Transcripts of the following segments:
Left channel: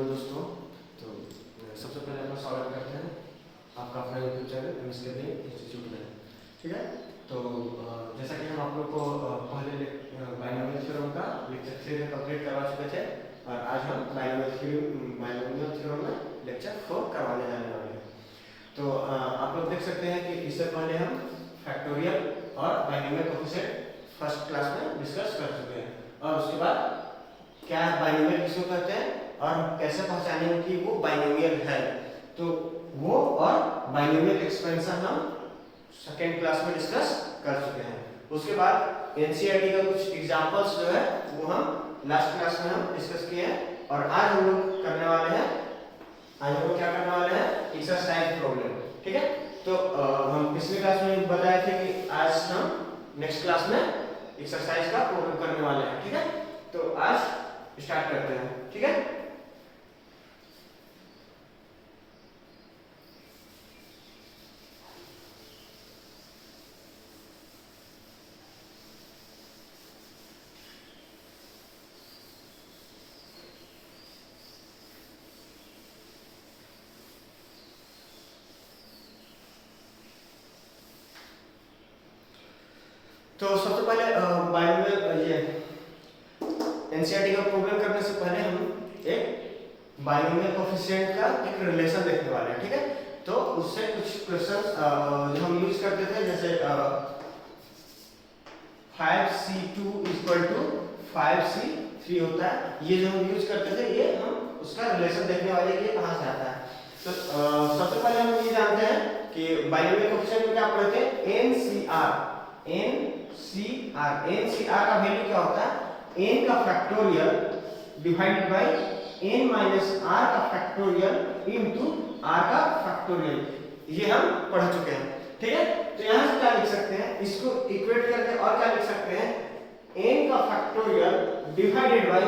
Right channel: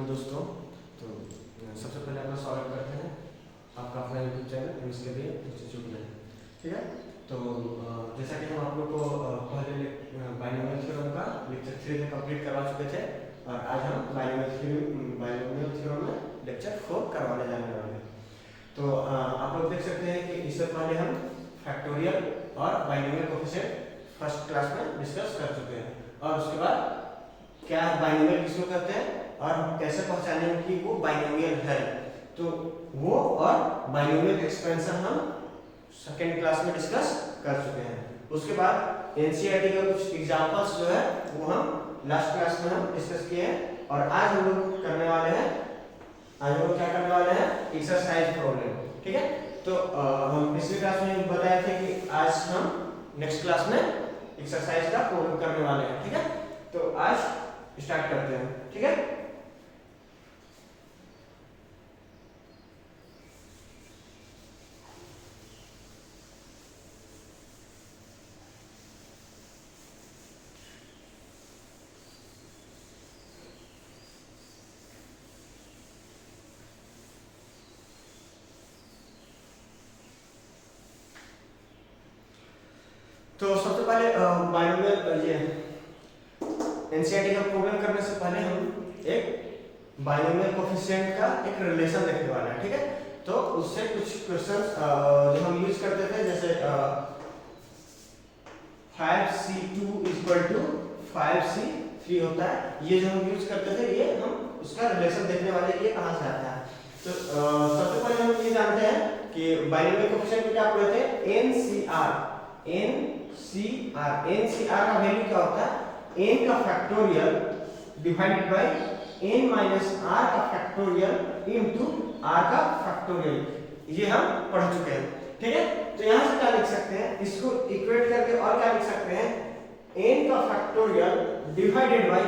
Morning दोस्तों। तो सबसे पहले अपना स्वागत करते हैं आपका अपना यूट्यूब चैनल प्रिंसलिपी इंस्टीट्यूट में। ठीक है, तो जैसा कि हम आप लोग को पहले बाइनोमियल थ्योरम का लेक्चर 3 में कंप्लीट करवा चुके थे और आज हम बाइनोमियल थ्योरम में लेक्चर 4 करवाने जाने वाले हैं। तो आप लोग देख सकते हैं कि इससे पहले हम फैक्टोरियल और बाइनोमियल कोएफिशिएंट फर्स्ट क्लास में डिस्कस कर चुके हैं और उसके बाद क्या बाइनोमियल किसको कहते हैं और कैसे पहचाने कि वो बाइनोमियल है, तो वो और बाइनोमियल एक्सपेंशन हम सेकेंड क्लास में डिस्कस कर चुके हैं। उसके बाद एनसीईआरटी का कुछ एग्जांपल्स जो है वो हम लास्ट क्लास में हम डिस्कस किए हैं और आज हम लोग करने वाले हैं, आज हम लोग क्या करने वाले हैं, एक्सरसाइज प्रॉब्लम। ठीक है, तो हम पिछली क्लास में बताए थे कि आज हम नेक्स्ट क्लास में एक्सरसाइज का प्रॉब्लम करने वाले हैं। ठीक है, तो आज स्टार्ट करते हैं। ठीक है, तो सबसे पहले बाइनोमियल ये एनसीईआरटी का प्रॉब्लम करने से पहले हम एक बाइनोमियल कोएफिशिएंट का एक रिलेशन देखने वाले हैं। ठीक है, तो उससे कुछ क्वेश्चंस जो हम यूज करते थे, जैसे 5c2 = 5c3 होता है, ये जो हम यूज करते थे, ये हम उसका रिलेशन देखने वाले ये कहां से आता है। तो सबसे पहले हम ये जानते हैं कि बाइनोमियल कोएफिशिएंट में क्या पढ़े थे, एनसीआर का वैल्यू क्या होता है, n का factorial divided by n minus r का फैक्टोरियल इनटू r का फैक्टोरियल, ये हम पढ़ चुके हैं। ठीक है, तो यहां से क्या लिख सकते हैं, इसको इक्वेट करके और क्या लिख सकते हैं, n का factorial divided by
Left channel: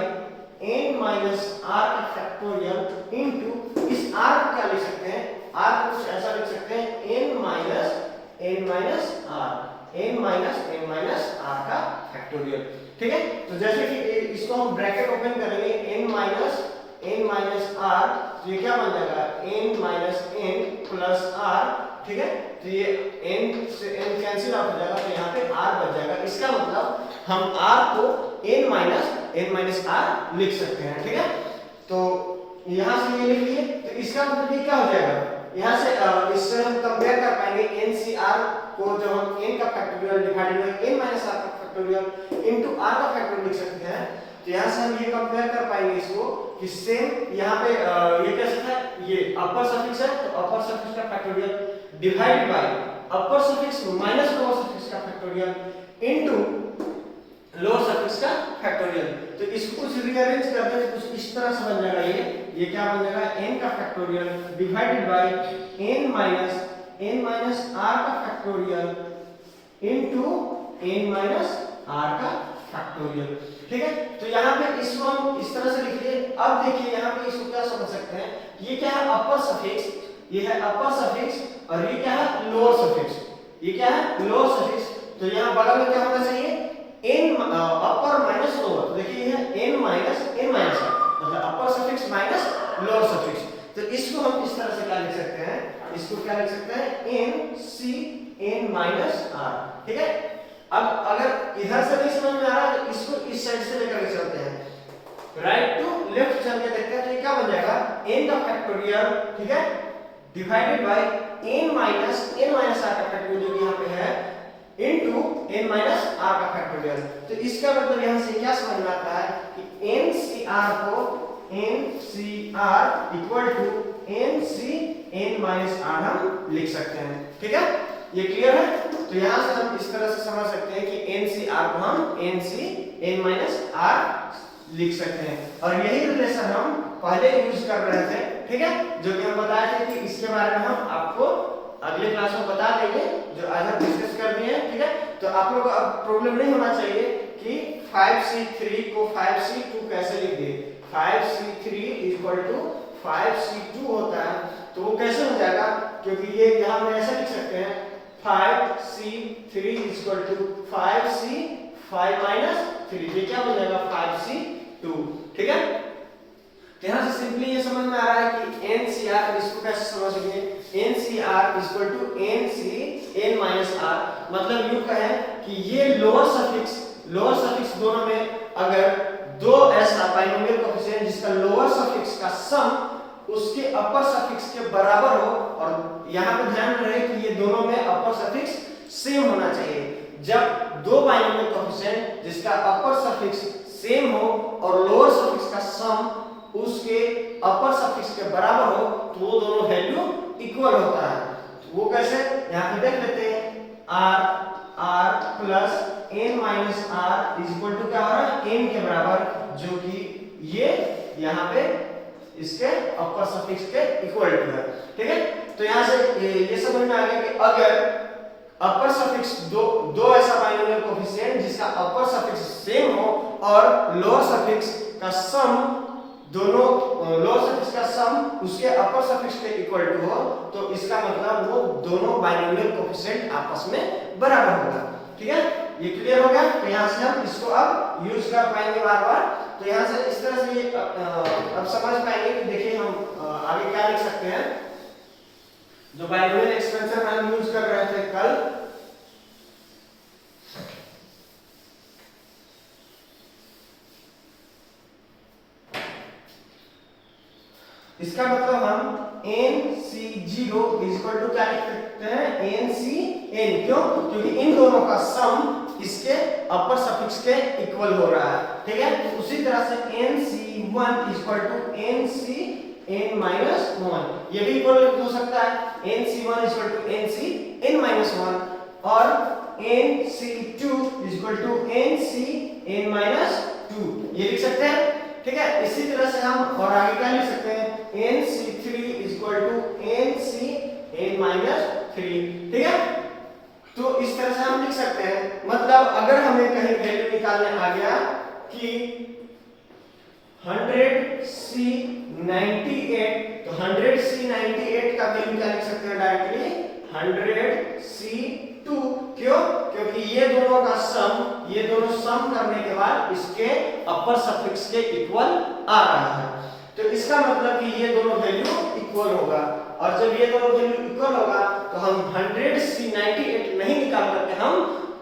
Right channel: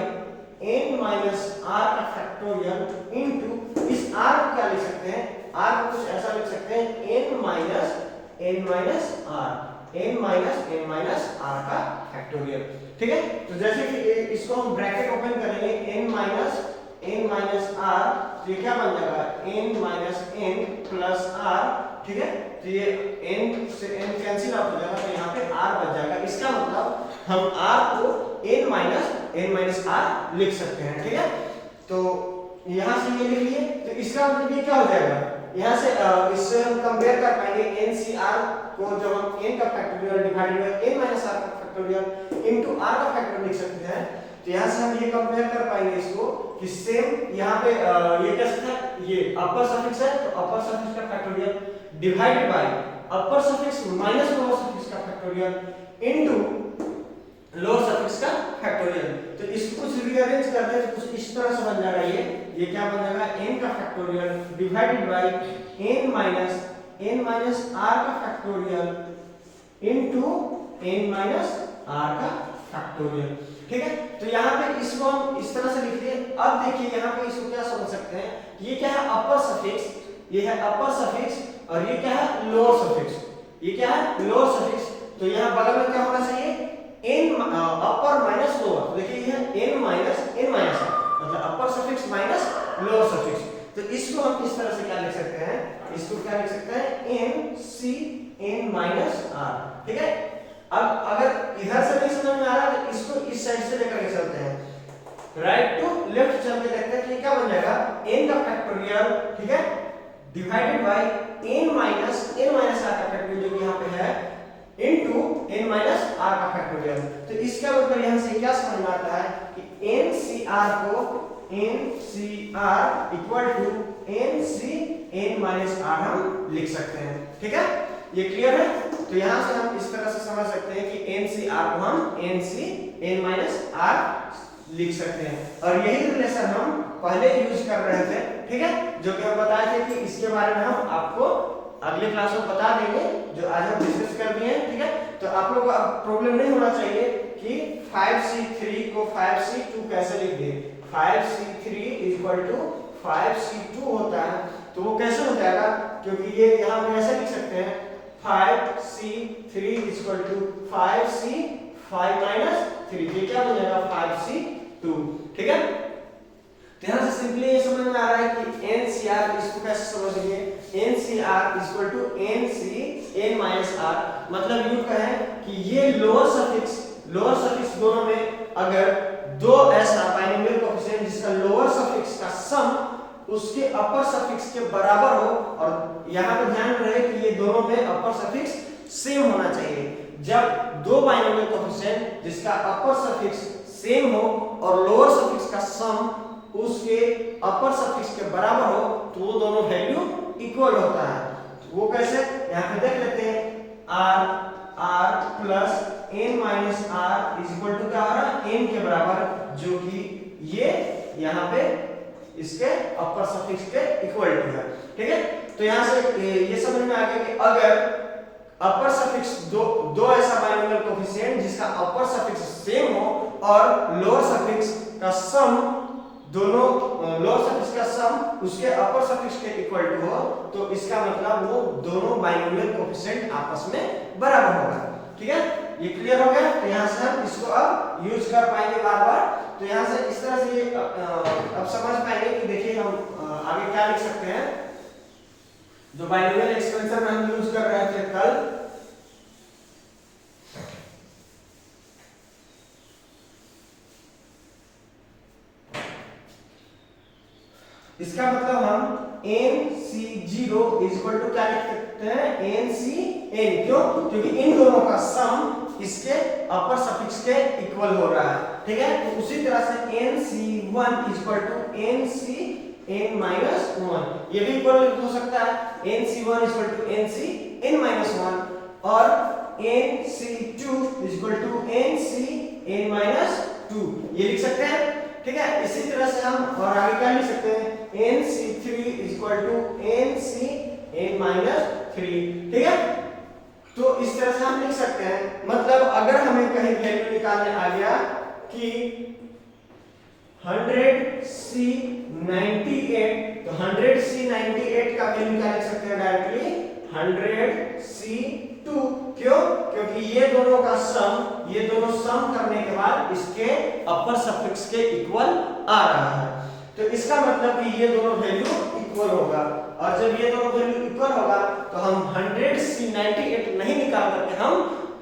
n minus r का फैक्टोरियल इनटू इस r को क्या लिख सकते हैं, r को कुछ ऐसा लिख सकते हैं n माइनस r का फैक्टोरियल। ठीक है, तो जैसे कि इसको हम ब्रैकेट ओपन करेंगे n माइनस r, तो ये क्या बन जाएगा n minus n plus r। ठीक है, तो ये n से n कैंसिल आउट हो जाएगा, तो यहाँ पे r बच जाएगा। इसका मतलब हम r को n माइनस r लिख सकते हैं। ठीक है, तो यहाँ से ये लिख लिए, तो इसका मतलब ये क्या हो जाएगा, यहाँ से इससे हम कंपेयर कर पाएंगे एनसीआर को, जब हम n का factorial divided by n minus r का फैक्टोरियल इनटू r का फैक्टोरियल लिख सकते हैं। तो यहाँ से हम ये कंपेयर कर पाएंगे इसको कि सेम यहाँ पे ये कैसे था, ये अपर सफिक्स है, तो अपर सफिक्स का factorial divided by upper suffix minus lower suffix का फैक्टोरियल इनटू लोअर सफिक्स का फैक्टोरियल। तो इसको कुछ रीअरेंज कर दें तो कुछ इस तरह से बन जाएगा, ये क्या बन जाएगा, n का factorial divided by n minus r का factorial into n minus r का फैक्टोरियल। ठीक है, तो यहाँ पे इसको हम इस तरह से लिख लिए। अब देखिए यहाँ पे इसको क्या समझ सकते हैं, ये क्या है, अपर सफिक्स, ये है अपर सफिक्स और ये क्या है, लोअर सफिक्स, ये क्या है, लोअर सफिक्स। तो यहाँ बगल में क्या होना चाहिए, n अपर माइनस लोअर, तो देखिए ये है n माइनस r, मतलब अपर सफिक्स माइनस लोअर सफिक्स। तो इसको हम इस तरह से क्या लिख सकते हैं, इसको क्या लिख सकते हैं, n माइनस r। ठीक है, अब अगर इधर से नहीं समझ में आ रहा है तो इसको इस साइड से लेकर के चलते हैं, राइट टू लेफ्ट चल के देखते हैं, तो क्या बन जाएगा, n का फैक्टोरियल, ठीक है, divided by n minus r का फैक्टोरियल जो यहाँ पे है इनटू n माइनस r का फैक्टोरियल। तो इसका मतलब यहाँ से क्या समझ में आता है कि ncr को ncr equal to n minus r हम लिख सकते हैं। ठीक है, ये क्लियर है। तो यहाँ से हम इस तरह से समझ सकते हैं कि ncr को हम n माइनस r लिख सकते हैं और यही रिलेशन हम पहले यूज कर रहे थे। ठीक है, जो कि हम बताए थे कि इसके बारे में हम आपको अगले क्लास में बता देंगे, जो आज हम डिस्कस कर दिए हैं। ठीक है, तो आप लोगों को अब प्रॉब्लम नहीं होना चाहिए कि 5c3 को 5c2 कैसे लिख दे, 5c3 = 5c2 होता है, तो वो कैसे हो जाएगा, क्योंकि ये यहाँ पे ऐसे लिख सकते हैं 5c3 = 5c5 - 3, ये क्या बनेगा 5c2। ठीक है, तो यहाँ से सिंपली ये समझ में आ रहा है कि NCR, इसको कैसे समझेंगे, NCR equal to NC n minus R, मतलब यूं कहें कि ये लोअर सफिक्स दोनों में अगर दो ऐसा बाइनोमियल कोएफिशिएंट जिसका लोअर सफिक्स का सम उसके अपर सफिक्स के बराबर हो, और यहाँ पे ध्यान रहे कि ये दोनों में अपर सफिक्स सेम होना चाहिए। जब दो बाइनोमियल कोएफिशिएंट जिसका अपर सफिक्स सेम हो और लोअर सफिक्स का सम उसके अपर सफिक्स के बराबर हो तो वो दोनों वैल्यू इक्वल होता है। वो कैसे, यहाँ पे देख लेते हैं, r plus n minus r is equal to क्या हो रहा है, n के बराबर, जो कि ये यहाँ पे इसके अपर सफिक्स के इक्वल टू है। ठीक है, तो यहाँ से ये समझ में आ गया कि अगर अपर सफिक्स दो ऐसा बाइनोमियल कोएफिशिएंट जिसका अपर सफिक्स सेम हो और लोअर सफिक्स का सम दोनों लोअर सफिक्स का सम उसके अपर सफिक्स के इक्वल टू हो, तो इसका मतलब वो दोनों बाइनोमियल कोएफिशिएंट आपस में बराबर होगा। ठीक है, ये क्लियर हो गया। तो यहाँ से हम इसको अब यूज कर पाएंगे बार बार। तो यहाँ से इस तरह से ये अब समझ पाएंगे कि देखिए हम आगे क्या लिख सकते हैं। जो बाइनोमियल एक्सपेंशन हम यूज कर रहे थे कल, इसका मतलब हम NC0 इज इक्वल टू क्या लिख सकते हैं, NCN। क्यों, क्योंकि इन दोनों का सम इसके अपर सफिक्स के इक्वल हो रहा है। ठीक है, तो उसी तरह से NC1 is equal to NCN minus 1, ये भी इक्वल हो सकता है, NC1 is equal to NCN minus 1, और NC2 is equal to NCN minus 2, ये लिख सकते हैं। ठीक है, इसी तरह से हम और आगे क्या लिख सकते हैं, NC3 is equal to NCN minus 3। ठीक है, तो इस तरह से हम लिख सकते हैं। मतलब अगर हमें कहीं वैल्यू निकालने आ गया कि 100C98, तो 100C98 का वैल्यू क्या लिख सकते हैं डायरेक्टली, 100C2। क्यों, क्योंकि ये दोनों का सम, ये दोनों सम करने के बाद इसके अपर सफिक्स के इक्वल आ रहा है। तो इसका मतलब कि ये दोनों वैल्यू इक्वल होगा, और जब ये दोनों वैल्यू इक्वल होगा तो हम 100C98 नहीं निकाल करके हम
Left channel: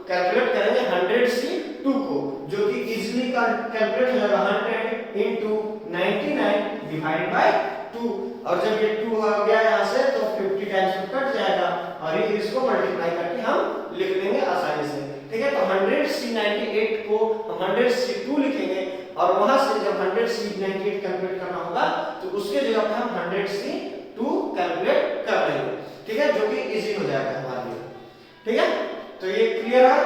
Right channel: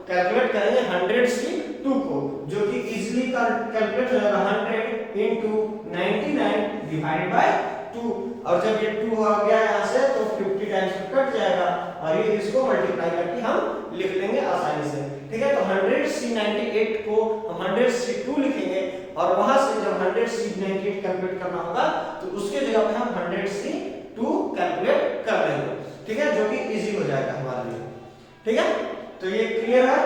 कैलकुलेट करेंगे 100C2 को, जो कि इजीली कैलकुलेट हो जाएगा 100 into 99 डिवाइड बाय 2, और जब ये 2 हो गया यहाँ से तो 50 टाइम्स कट जाएगा, और ये इसको मल्टीप्लाई करके हम लिख लेंगे आसानी से। ठीक है, तो 100C98 को हम 100C2 लिखेंगे, और वहां से जब 100C98 कैलकुलेट करना होगा तो उसके जगह पे हम 100C2 कैलकुलेट कर लेंगे। ठीक है, जो कि इजी हो जाएगा हमारे लिए। ठीक है, तो ये क्लियर है।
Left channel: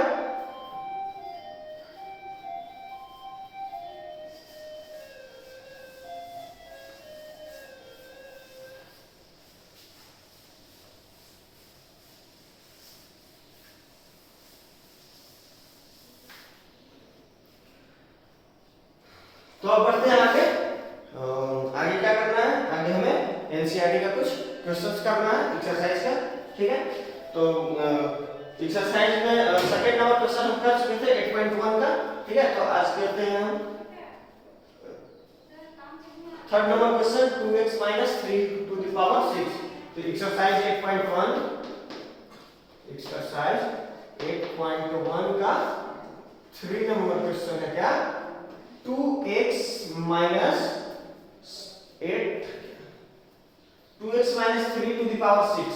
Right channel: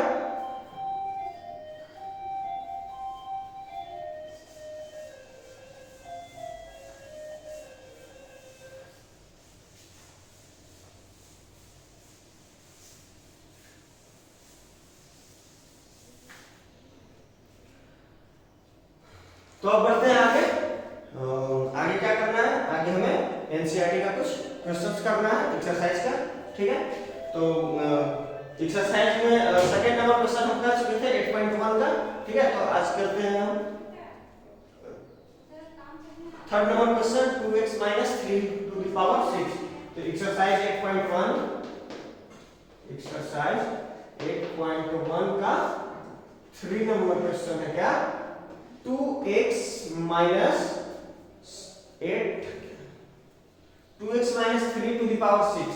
तो अब बढ़ते हैं आगे। आगे क्या करना है, आगे हमें एनसीईआरटी का कुछ क्वेश्चंस करना है एक्सरसाइज का। ठीक है, तो एक्सरसाइज में सेकंड नंबर क्वेश्चन हम कर चुके थे 8.1 का। ठीक है, तो आज करते हैं हम third number question 2x - 3 to the power 6। तो एक्सरसाइज 8.1 का 3 नंबर क्वेश्चन है क्या, 2x minus 3 to the power 6,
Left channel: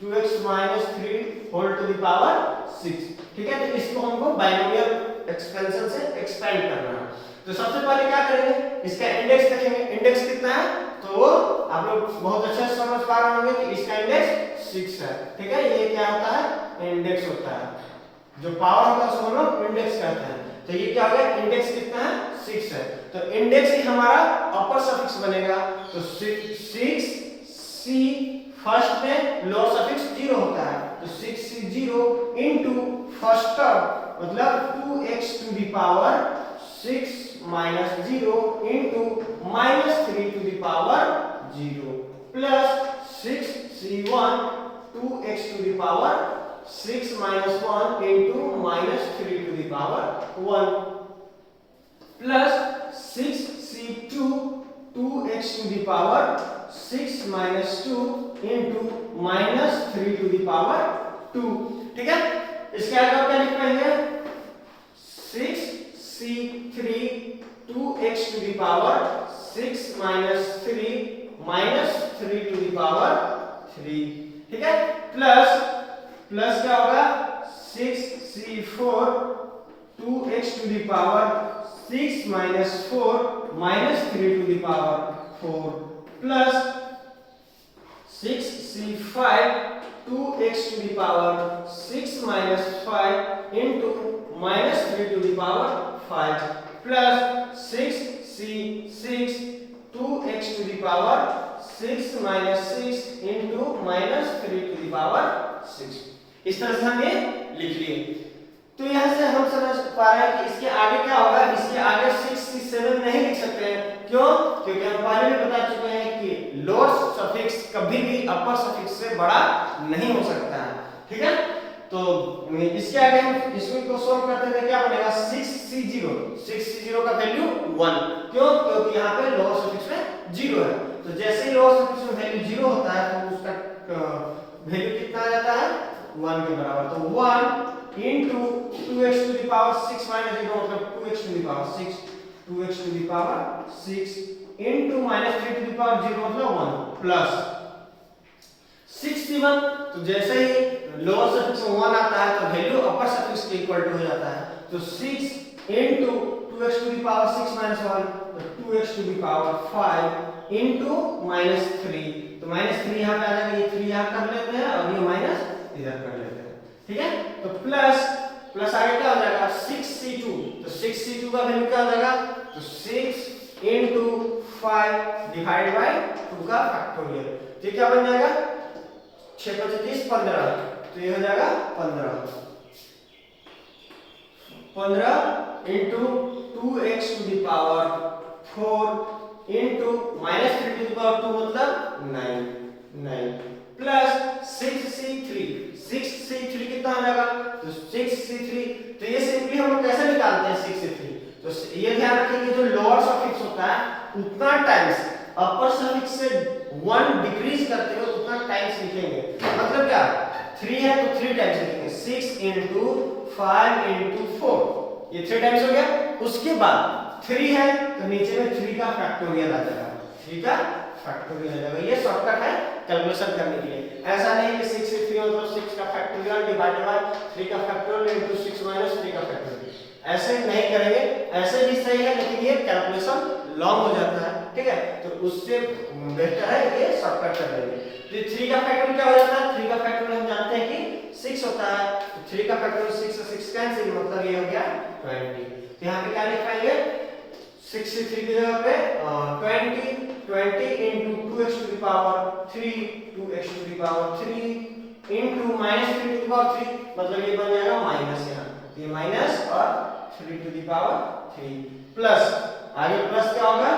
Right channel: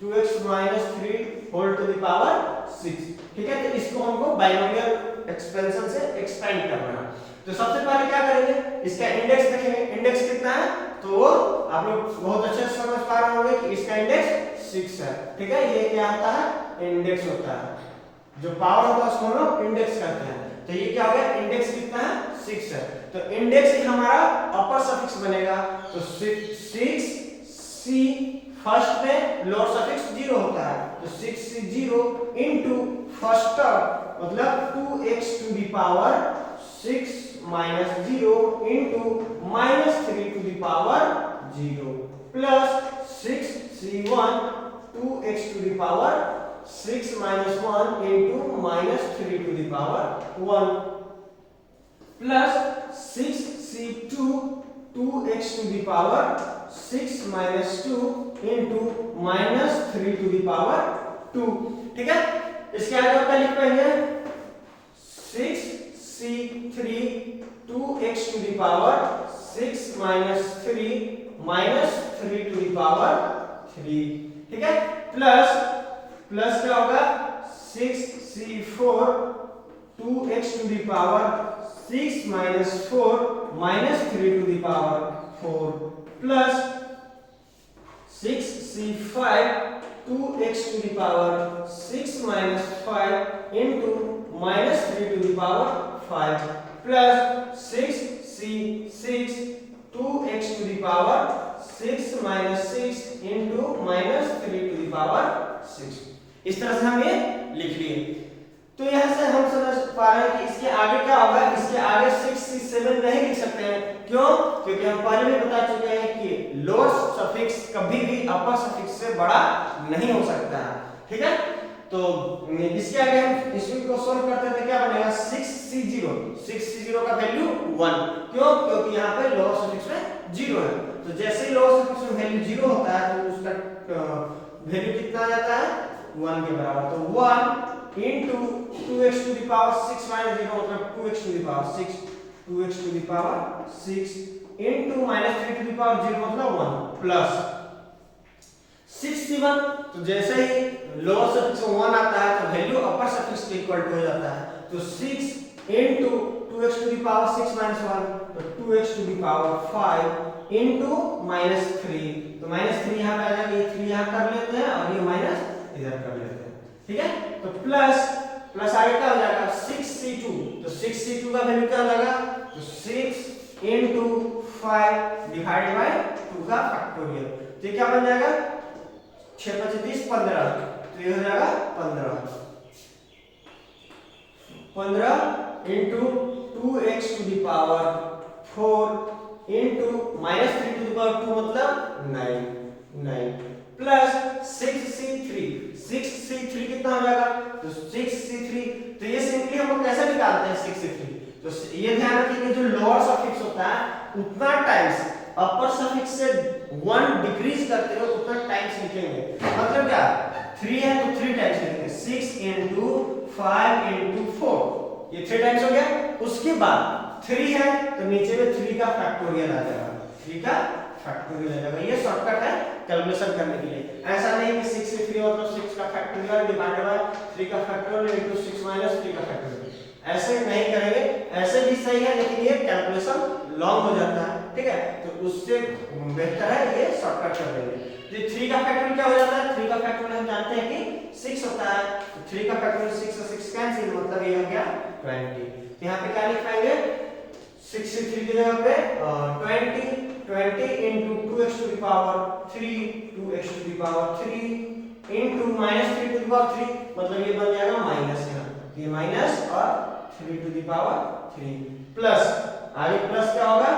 2x minus 3 whole to the power 6। ठीक है, तो इसको हमको बाइनोमियल एक्सपेंशन से एक्सपेंड करना है। तो सबसे पहले क्या करेंगे, इसका इंडेक्स देखेंगे, इंडेक्स कितना है, तो वो आप लोग बहुत अच्छे से समझ पा रहे होंगे कि इसका इंडेक्स 6 है। ठीक है, ये क्या होता है, इंडेक्स होता है, जो पावर होता है उसको हम लोग इंडेक्स कहते हैं। तो ये क्या हो गया, इंडेक्स कितना है, 6 है। तो इंडेक्स ही हमारा अपर सफिक्स बनेगा, तो 6C फर्स्ट में लोअर सफिक्स 0 होता है, तो 6C0 इनटू फर्स्ट टर्म मतलब 2x to the power 6 minus 0 into -3 to the power 0 plus 6C1 2x to the power 6 minus 1 into -3 to the power 1 plus 6C2 2x x to the power 6 minus 2 into minus 3 to the power 2। ठीक है, इसके आगे और क्या लिख पाएंगे 6c3 2x to the power 6 minus 3 minus 3 to the power 3। ठीक है, प्लस क्या होगा 6c4 2x to the power 6 minus 4 minus 3 to the power 4 plus 6c5 2x to the power 6 minus 5 into minus 3 to the power 5 plus 6c6 2x to the power 6 minus 6 into minus 3 to the power 6। इस तरह से हम ये लिख लिए। तो यहां से हम समझ पा रहे हैं कि इसके आगे क्या होगा, इसके आगे 6c7 नहीं लिख सकते हैं। क्यों? क्योंकि हम पहले भी बता चुके हैं कि लोअर सफिक्स कभी भी अपर सफिक्स से बड़ा नहीं हो सकता है। ठीक है, तो इसके आगे हम इसको को सॉल्व करते हैं, क्या बनेगा 6c0 का वैल्यू 1। क्यों? क्योंकि यहाँ पे लोअर सफिक्स में 0 है। तो जैसे ही लोअर सफिक्स में वैल्यू 0 होता है तो उसका वैल्यू कितना आ जाता है 1 के बराबर। तो 1 into 2x to the power 6 minus 0 मतलब 2x to the power 6 2x to the power 6 into minus 3 to the power 0 मतलब 1 plus 6c1। तो जैसे ही लोअर सफिक्स में 1 आता है तो वैल्यू अपर सफिक्स के इक्वल टू हो जाता है। तो 6 into 2x to the power 6 minus 1 तो 2x to the power 5 into minus 3। तो minus 3 यहाँ पे आ जाएगा, ये 3 यहाँ कर लेते हैं और ये माइनस इधर कर लेते हैं। ठीक है, तो प्लस आगे क्या हो जाएगा 6c2। तो 6c2 का वैल्यू क्या हो जाएगा, तो 6 into 5 डिवाइड बाय 2 का फैक्टोरियल। तो ये क्या बन जाएगा 6 × 30 15। तो ये हो जाएगा 15 into 2x to the power 4 into minus 3 to the power 2 मतलब 9 प्लस 6c3 कितना हो जाएगा, तो 6c3। तो ये सिंपली हम लोग कैसे निकालते हैं 6c3। तो ये ध्यान रखिए कि जो लोअर सफिक्स होता है उतना टाइम्स अपर सफिक्स से 1 डिक्रीज करते हो उतना टाइम्स लिखेंगे। मतलब क्या 3 है तो 3 टाइम्स लिखेंगे 6 into 5 into 4 ये 3 टाइम्स हो गया। उसके बाद 3 है तो नीचे में 3 का फैक्टोरियल आ जाएगा, 3 का फैक्टोरियल आ जाएगा। ये शॉर्टकट है कैलकुलेशन करने के लिए। ऐसा नहीं कि 6 से 3 मतलब 6 का फैक्टोरियल डिवाइडेड बाय 3 का फैक्टोरियल इनटू 6 माइनस 3 का फैक्टोरियल, ऐसे नहीं करेंगे। ऐसे भी सही है लेकिन ये कैलकुलेशन लॉन्ग हो जाता है। ठीक है, तो उससे बेहतर है ये शॉर्टकट कर लेंगे। तो 3 का फैक्टोरियल क्या हो जाता है, 3 का फैक्टोरियल हम जानते हैं कि 6 होता है। तो 3 का फैक्टोरियल 6 से 6 कैंसिल मतलब ये हो गया 20। तो यहाँ पे क्या लिख पाएंगे 63 की जगह पे 20 into 2x to the power 3 2x to the power 3 into minus 3 to the power 3 मतलब ये बन जाएगा माइनस, यहाँ ये माइनस और 3 to the power 3 प्लस आगे प्लस क्या होगा,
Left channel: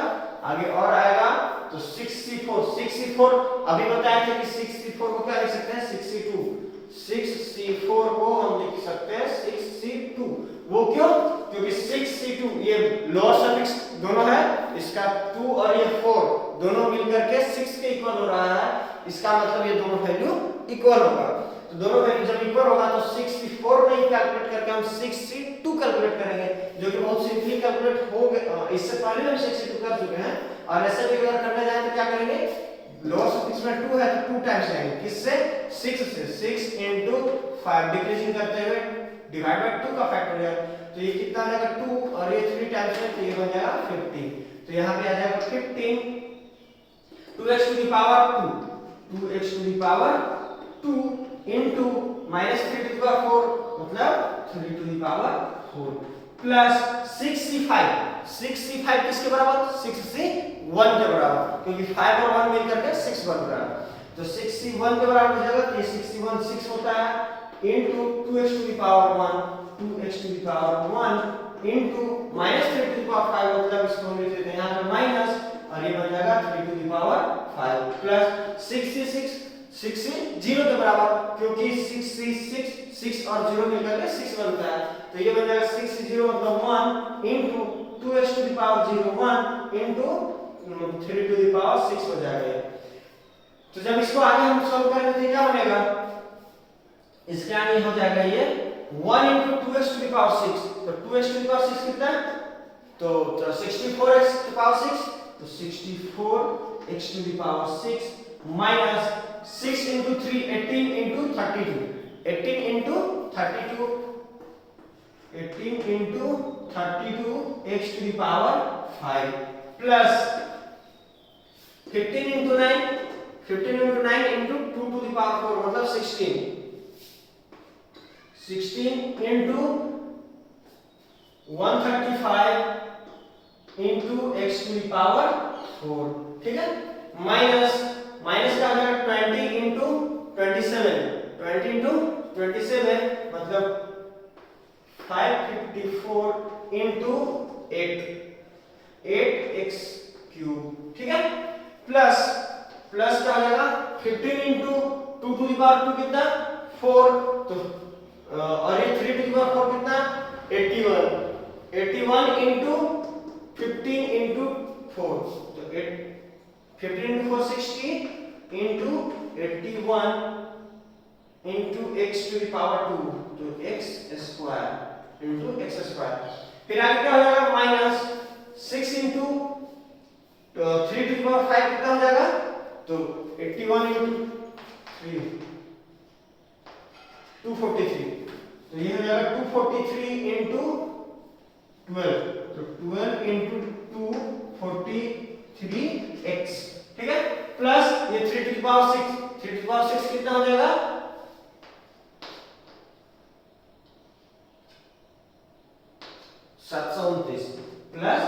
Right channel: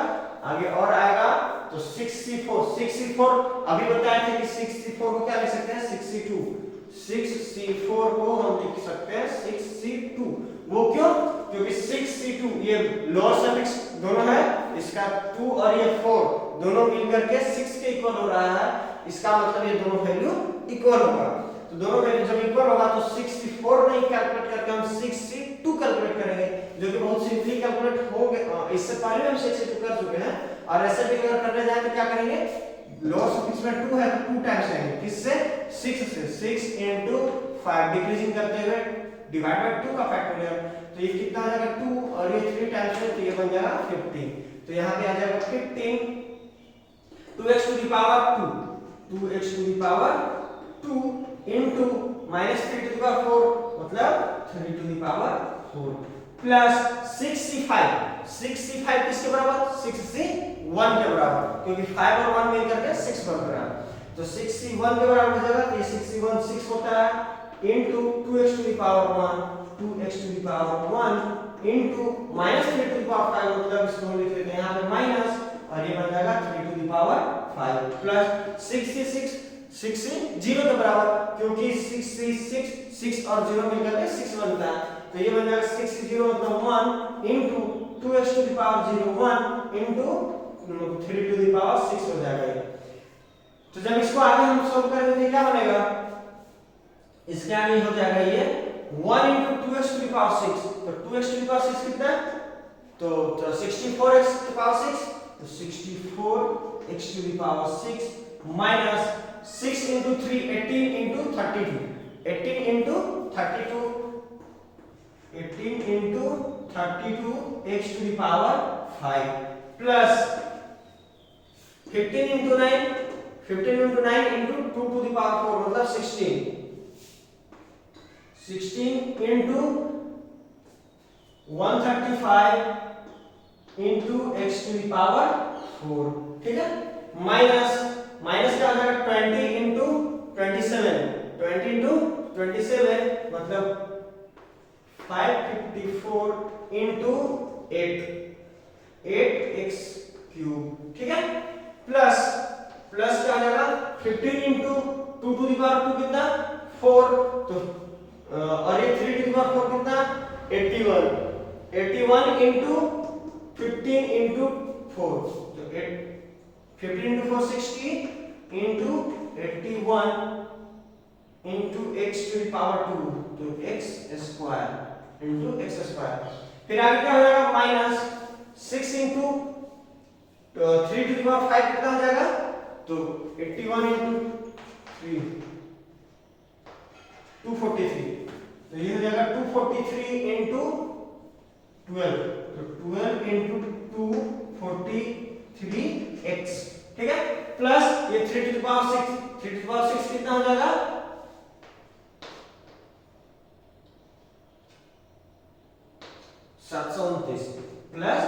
आगे और आएगा तो 64 अभी बताए थे कि 64 को क्या लिख सकते हैं 64 को हम लिख सकते हैं 62। वो क्यों, क्योंकि 6c2 ये लोअर सफिक्स दोनों है, इसका 2 और ये 4 दोनों मिलकर के 6 के इक्वल हो रहा है। इसका मतलब ये दोनों वैल्यू इक्वल होगा। तो दोनों वैल्यू जब इक्वल होगा तो 64 नहीं कैलकुलेट करके हम 62 कैलकुलेट करेंगे, जो कि बहुत सिंपली कैलकुलेट हो गया। इससे पहले हम 62 कर चुके हैं और ऐसे भी अगर करने जाए तो क्या करेंगे, लोअर सफिक्स में 2 है तो 2 टाइम्स लेंगे, किससे 6 से 6 into 5 डिक्रीजिंग करते हुए डिवाइड बाय 2 का फैक्टोरियल। तो ये कितना आ जाएगा 2 और ये 3 टाइम्स में तो ये बन जाएगा 15। तो यहाँ पे आ जाएगा 15 2x to the power 2 into minus 3 to the power 4 मतलब 3 to the power 4 प्लस 65 किसके बराबर 61 के बराबर, क्योंकि 5 और 1 मिलकर के 6 बन रहा है। तो 61 के बराबर हो जाएगा। तो ये 61 6 होता है into 2x to the power 1 2x to the power 1 into minus 3 to the power 5 मतलब इसको हम लिख देते हैं यहाँ पे माइनस और ये बन जाएगा 3 to the power 5 प्लस 66 0 के बराबर, क्योंकि 6 और 0 मिलकर के 6 बनता है। तो ये बन जाएगा 60 मतलब 1 into 2x to the power 0 1 into 3 to the power 6 हो जाएगा ये। तो जब इसको आगे हम सोल्व करेंगे तो क्या बनेगा, इसके आगे हो जाएगा ये 1 into 2x to the power 6। तो 2x to the power 6 कितना है, तो 64x to the power 6, तो 64x to the power 6 minus 6 into 3 18 into 32, 18 into 32, 18 into 32 x to the power 5 plus 15 into 9, 15 into 9 into 2 to the power 4 मतलब 16, 16 into 135 into x to the power 4, ठीक है, minus minus का हो जाएगा 20 into 27, 20 into 27 मतलब 554 into 8, 8x cube, ठीक है, plus plus का हो जाएगा 15 into 2 to the power 2 कितना 4, तो और ये 3 to the power 4 कितना 81, 81 into 15 into 4, तो 15 into 4 60 into 81 into x to the power 2, तो x square into x square. फिर आगे क्या हो जाएगा minus 6 into 3 to the power 5 कितना हो जाएगा, तो 81 into 3 243, तो ये हो जाएगा 243 into 12, तो 12 into 243x, ठीक है, प्लस ये 3 to the power 6, 3 to the power 6 कितना हो जाएगा 729 प्लस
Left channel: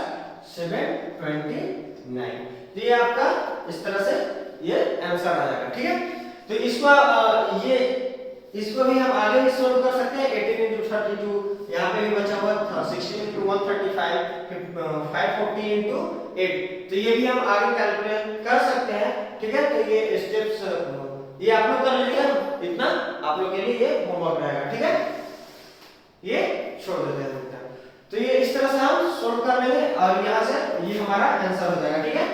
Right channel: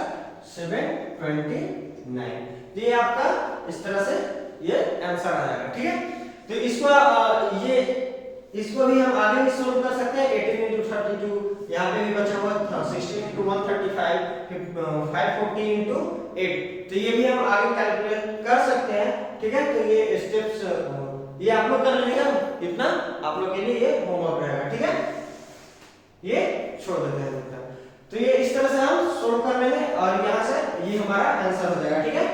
729, तो ये आपका इस तरह से ये आंसर आ जाएगा, ठीक है। तो इसको ये इसको भी हम आगे भी सोल्व कर सकते हैं, 18 into 32 यहाँ पे भी बचा हुआ था, 16 into 135, 540 into 8, तो ये भी हम आगे कैलकुलेट कर सकते हैं, ठीक है। तो ये स्टेप्स ये आप लोग कर लीजिए, इतना आप लोग के लिए ये होमवर्क रहेगा, ठीक है, ये छोड़ देते हैं। तो ये इस तरह से हम सोल्व कर लेंगे और यहाँ से ये हमारा आंसर हो जाएगा, ठीक है,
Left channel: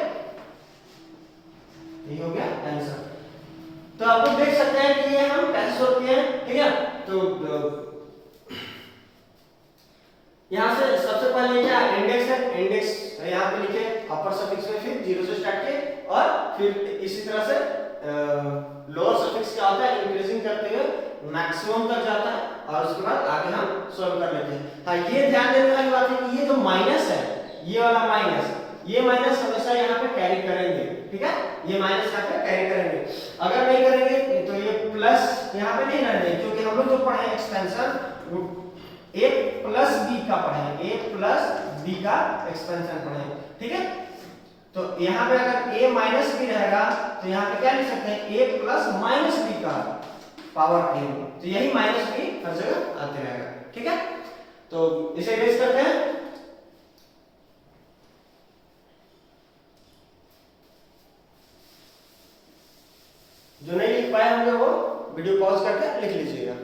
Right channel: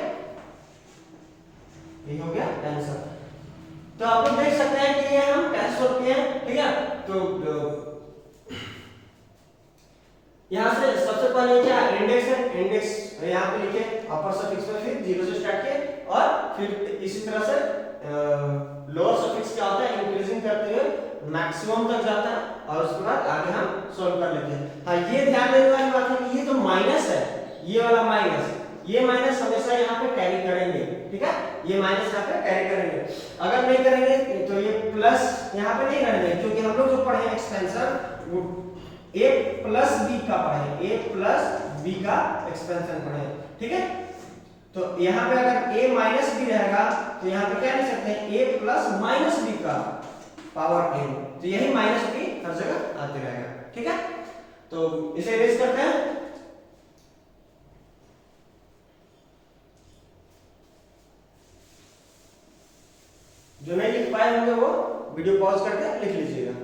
ये हो गया आंसर। तो आप लोग देख सकते हैं कि ये हम कैसे सोल्व किए हैं, ठीक है। तो यहाँ से सबसे पहले क्या इंडेक्स है, इंडेक्स यहाँ पे लिखे अपर सफिक्स में, फिर 0 से स्टार्ट किए और फिर इसी तरह से लोअर सफिक्स क्या होता है इंक्रीजिंग करते हुए मैक्सिमम तक जाता है और उसके बाद आगे हम सोल्व कर लेते हैं। हाँ, ये ध्यान देने वाली बात है कि ये जो माइनस है, ये वाला माइनस, ये माइनस हमेशा यहाँ पे कैरी करेंगे, ठीक है, ये माइनस यहाँ पे कैरी करेंगे। अगर नहीं करेंगे तो ये प्लस यहाँ पे नहीं रहने, क्योंकि हम लोग जो पढ़े हैं एक्सपेंशन a प्लस b का पढ़े, a प्लस b का एक्सपेंशन पढ़े, ठीक है। तो यहाँ पे अगर a माइनस b रहेगा तो यहाँ पे क्या लिख सकते हैं a प्लस माइनस b का पावर n, तो यही माइनस b हर जगह आते रहेगा, ठीक है। तो इसे इरेज करते हैं, जो नहीं लिख पाए होंगे वो वीडियो पॉज करके लिख लीजिएगा।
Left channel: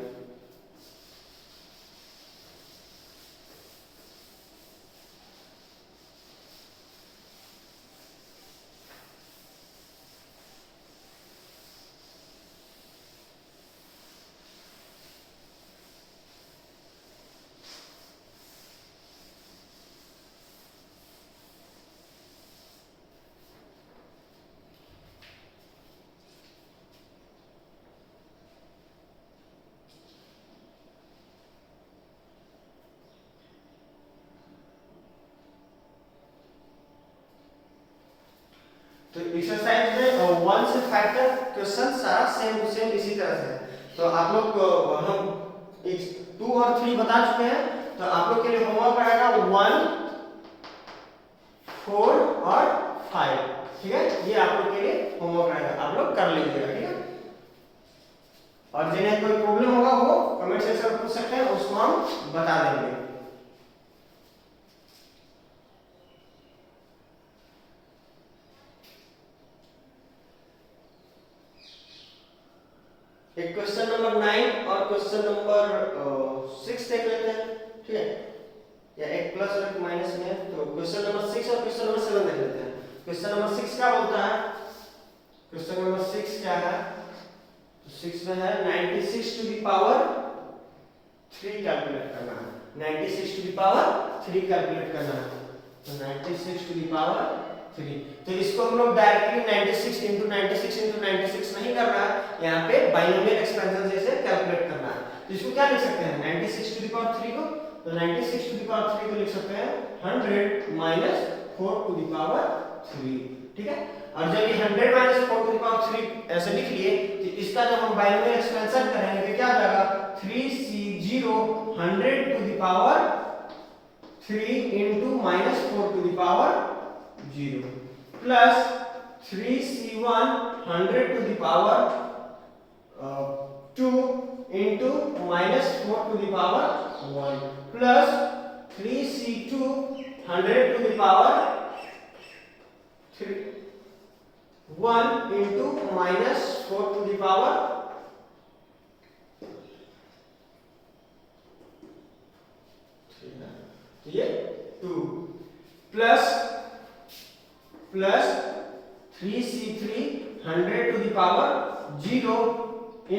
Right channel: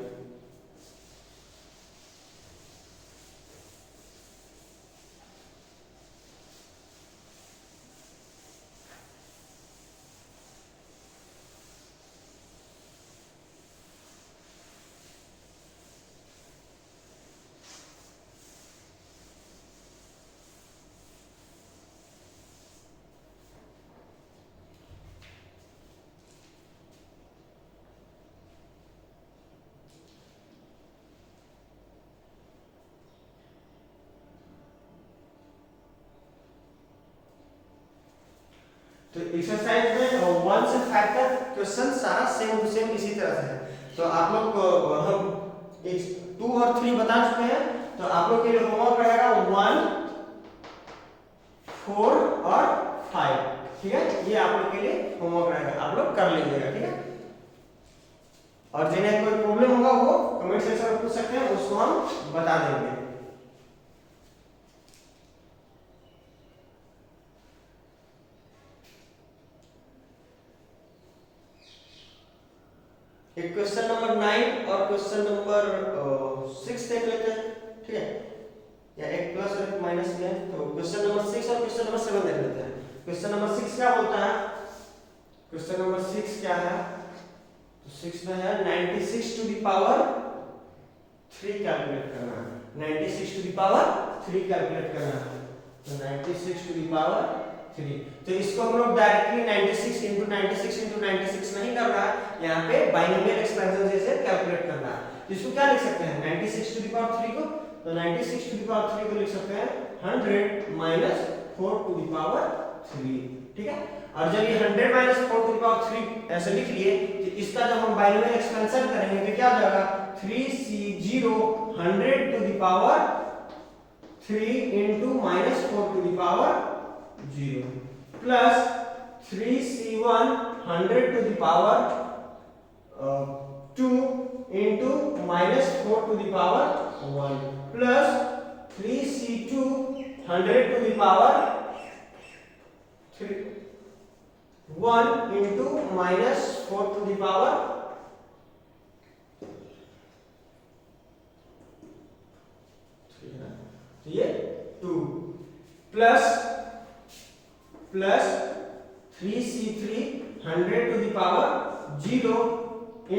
तो एक्सरसाइज में 1 से 5 तक क्वेश्चन सारा सेम टू सेम इसी तरह से है। तो आप लोग को हम 2 और 3 बता चुके हैं, तो आप लोग के लिए होमवर्क रहेगा 1, 4 और 5, ठीक है, ये आप लोग के लिए होमवर्क रहेगा, आप लोग कर लीजिएगा, ठीक है। और जिन्हें कोई प्रॉब्लम होगा वो कमेंट सेक्शन में पूछ सकते हैं, उसको हम बता देंगे। एक क्वेश्चन नंबर 9 और क्वेश्चन नंबर 6 देख लेते हैं, ठीक है, या एक प्लस और एक माइनस में, तो क्वेश्चन नंबर 6 और क्वेश्चन नंबर 7 देख लेते हैं। क्वेश्चन नंबर 6 क्या बोलता है? क्वेश्चन नंबर 6 क्या है? तो 6 में है 96 टू द पावर 3 कैलकुलेट करना है। 96 टू द पावर 3 कैलकुलेट करना है। तो 96 टू द पावर 3, तो इसको हम लोग डायरेक्टली 96 into 96 into 96 नहीं कर रहा है, यहाँ पे बाइनोमियल एक्सपेंशन जैसे कैलकुलेट करना है। तो इसको क्या लिख सकते हैं 96 टू द पावर 3 को? तो 96 टू द पावर 3 को लिख सकते हैं 100 माइनस 4 टू द पावर 3, ठीक है। और जब ये 100 माइनस 4 टू द पावर 3 ऐसे लिख लिए, तो इसका जब हम बाइनोमियल एक्सपेंशन करेंगे तो क्या हो जाएगा 3c0 100 to the power 3 into minus 4 to the power 0 plus 3c1 100 to the power 2 into minus 4 to the power 1 plus 3c2 100 to the power 3 1 into minus 4 to the power 3, ये 2 plus 3c3 100 to the power 0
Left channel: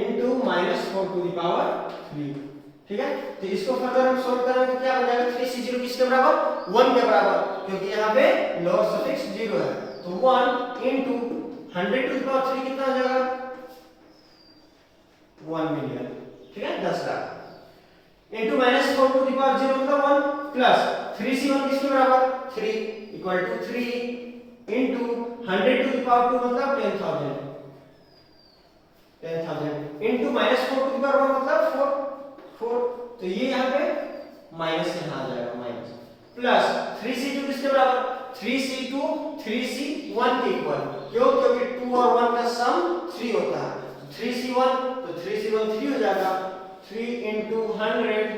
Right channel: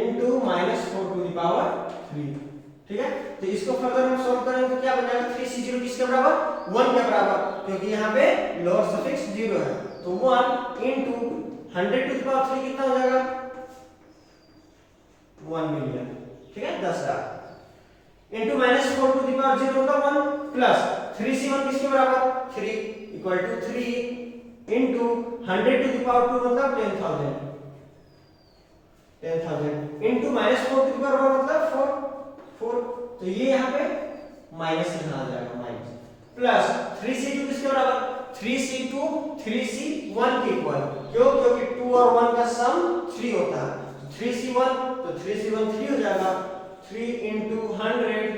into minus 4 to the power 3, ठीक है। तो इसको further हम solve करेंगे तो क्या बन जाएगा 3c0 किसके बराबर 1 के बराबर, क्योंकि यहाँ पे लोअर सफिक्स 0 है। तो 1 into 100 टू द पावर 3 कितना हो जाएगा 1 मिलियन, ठीक है 10 lakh into minus 4 to the power 0 मतलब 1 प्लस 3c1 किसके बराबर 3 equal to 3 into 100 to the power 2 मतलब 10,000 into minus 4 to the power 1 मतलब 4, तो ये यहाँ पे माइनस यहाँ आ जाएगा माइनस प्लस 3c2 किसके बराबर 3c2 3c1 के इक्वल, क्यों? क्योंकि 2 और 1 का सम 3 होता है। 3c1 तो 3c1 3 हो जाएगा 3 into 100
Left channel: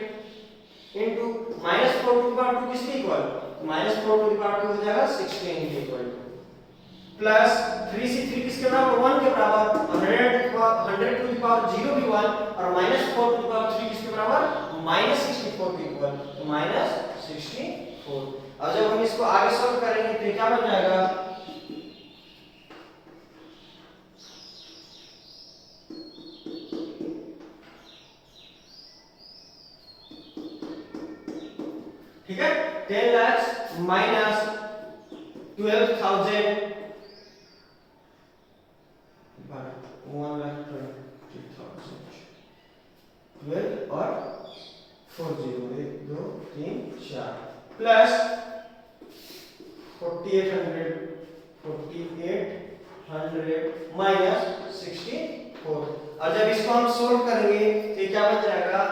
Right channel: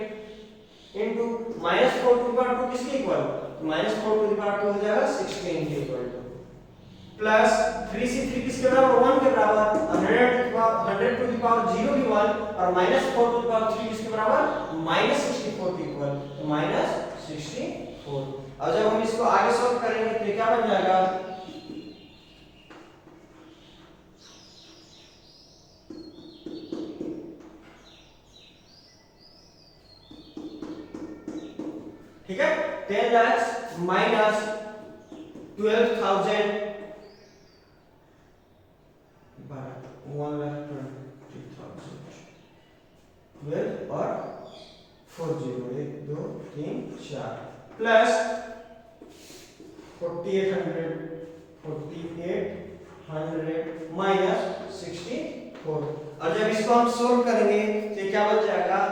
into minus 4 to the power 2 किसके equal minus 4 to the power 2 हो जाएगा 16 के इक्वल प्लस 3c3 किसके बराबर 1 के बराबर 100 to the power 0 भी 1 और minus 4 to the power 3 किसके बराबर minus 64 के इक्वल, तो minus 64। अब जब हम इसको आगे सॉल्व करेंगे तो क्या बन जाएगा ठीक है 10 lakhs minus 12,000 12 और 40 1 2 3 4 प्लस 4800 माइनस 64। और जब इसको हम सोल्व करेंगे तो क्या बच जाएगा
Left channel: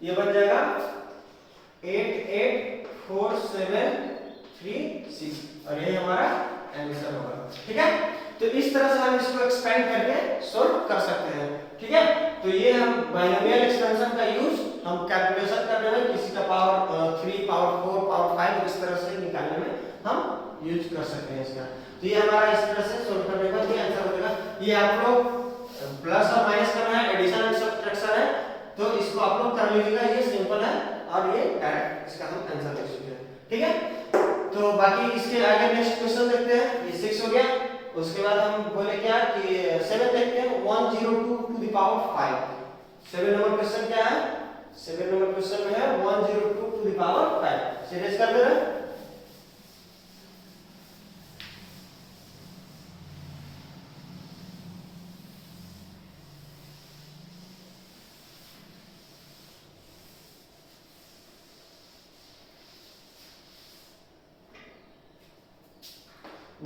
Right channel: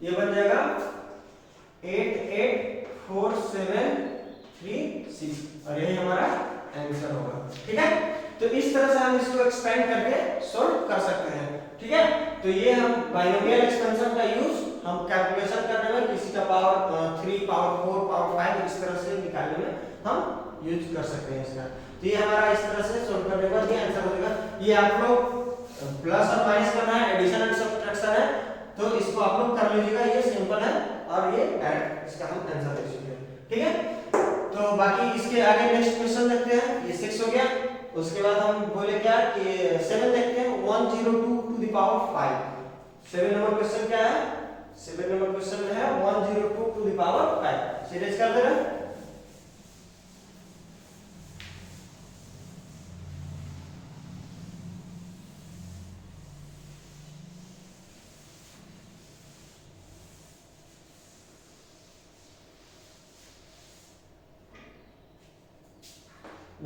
ये बन जाएगा 884736 और ये हमारा आंसर होगा, ठीक है। तो इस तरह से हम इसको एक्सपेंड करके सॉल्व कर सकते हैं, ठीक है। तो ये हम बाइनोमियल एक्सपेंशन का यूज हम कैलकुलेशन करने में किसी का पावर 3 पावर 4 पावर 5 इस तरह से निकालने में हम यूज कर सकते हैं इसका। तो ये हमारा इस तरह से सॉल्व करने का ये आंसर हो जाएगा। ये आप लोग प्लस और माइनस करना है, एडिशन एंड सब्ट्रैक्शन है, तो इसको आप लोग कर लीजिएगा, ये सिंपल है और ये डायरेक्ट इसका हम आंसर देख सकते हैं, ठीक है। तो बाकी इसके आगे नेक्स्ट क्वेश्चन देखते हैं। ये 6 हो गया, उसके बाद हम बोले क्या कि 7 देखते हैं 102 टू द पावर 5। 7 नंबर क्वेश्चन क्या है 7 नंबर क्वेश्चन में है 102 टू द पावर 5। सीरीज कर दे रहे हैं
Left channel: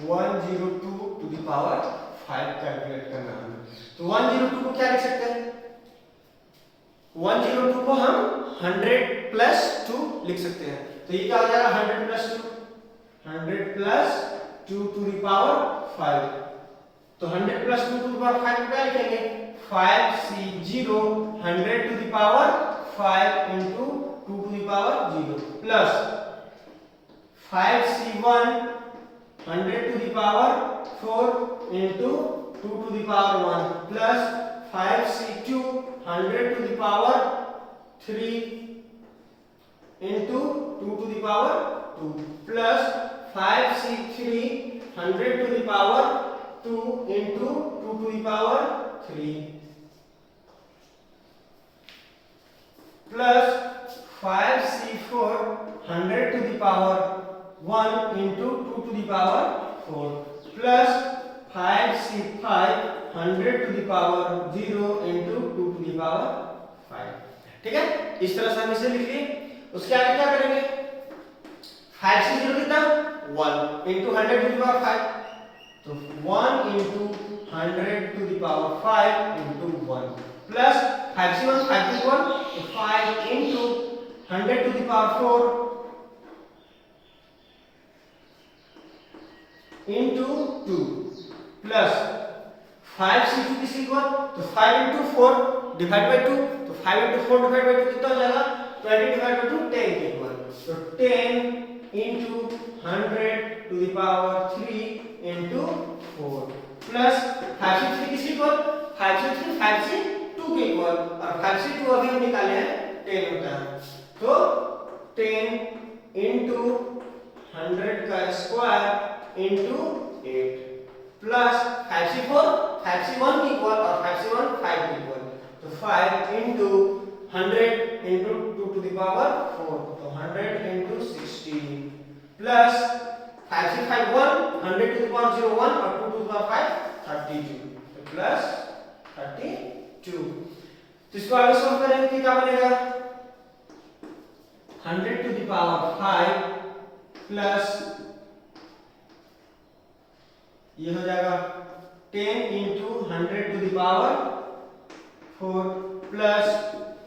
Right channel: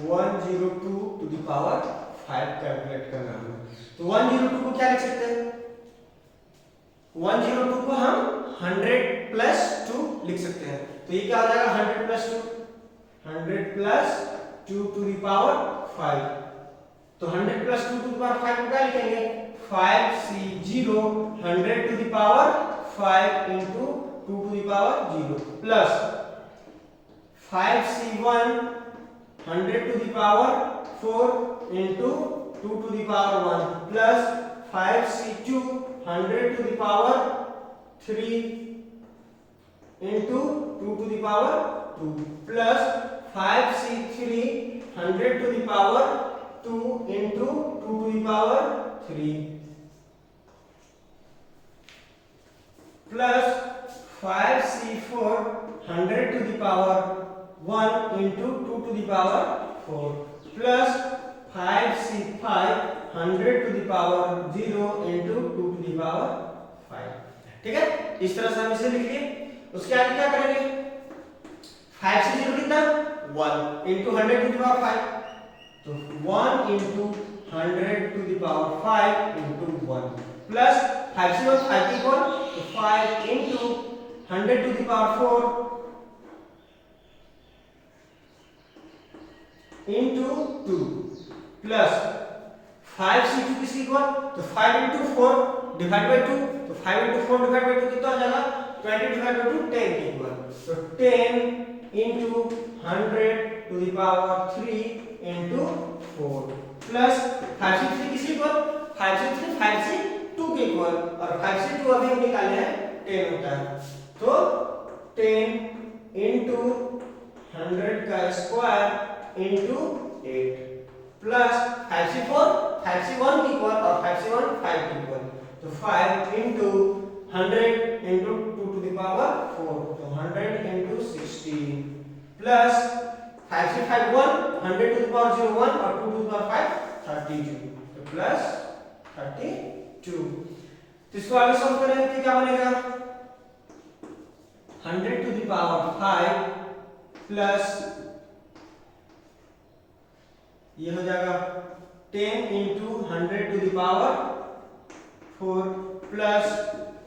102 टू द पावर 5 कैलकुलेट करना है। तो 102 को क्या लिख सकते हैं 102 को हम 100 प्लस 2 लिख सकते हैं। तो ये क्या हो जाएगा 100 plus 2 100 plus 2 to the power 5। तो 100 प्लस 2 टू द पावर 5 को क्या लिखेंगे 5c0 100 to the power 5 into 2 to the power 0 plus 5c1 100 to the power 4 into 2 to the power 1 plus 5c2 100 to the power 3 into 2 to the power 2 plus 5c3 100 to the power 2 into 2 to the power 3 plus 5c4 100 to the power 1 into 2 to the power 4 plus 5c5 100 to the power 0 into 2 to the power 5। ठीक है, इस तरह से हम इसे लिख लिए। उसके आगे क्या करेंगे, 5c0 कितना 1 into 100 to the power 5, तो 1 into 100 to the power 5 into 1 plus 5c1 5 की 1, तो 5 into 100 to the power 4 into 2 plus 5c2 किसकी इक्वल, तो 5 into 4 डिवाइड बाय 2, तो 5 into 4 डिवाइड बाय 2 कितना हो जाएगा 20 डिवाइड बाय 2 10 की इक्वल, तो 10 into 100 to the power 3 into 4 plus 5c3 किसकी इक्वल, 5c3 5c2 के इक्वल, और 5c2 अभी हम निकाले हैं 10 होता है, तो 10 into 100 का square into 8 plus 5c4 5c1 की इक्वल और 5c1 5 की इक्वल, तो 5 into 100 into 2 to the power 4, तो 100 into 16 plus 5c5 1 100 to the power 0 1 और 2 to the power 5 32, तो plus 32। तो इसको आगे सॉल्व करेंगे तो क्या बनेगा 100 to the power 5 plus ये हो जाएगा 10 into 100 to the power 4 plus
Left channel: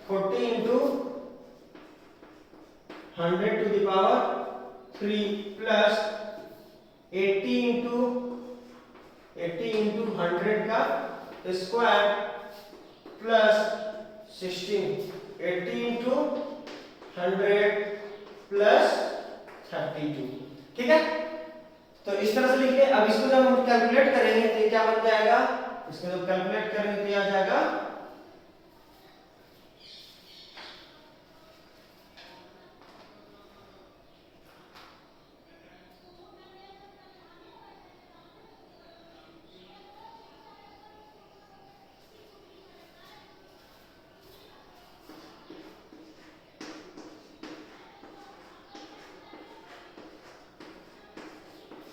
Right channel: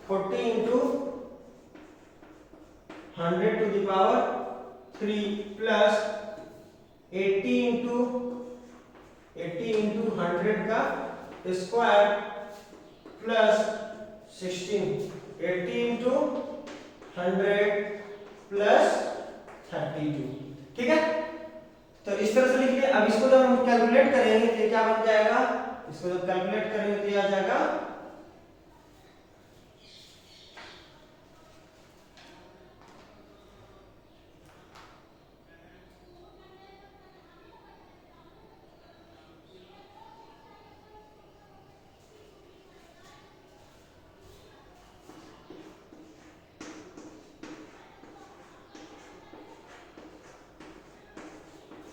40 into 100 to the power 3 plus 80 into 100 का स्क्वायर प्लस 16 80 into 100 प्लस 32। ठीक है, तो इस तरह से लिख लें। अब इसको जब हम कैलकुलेट करेंगे तो क्या बन जाएगा, इसको जब कैलकुलेट करेंगे तो आ जाएगा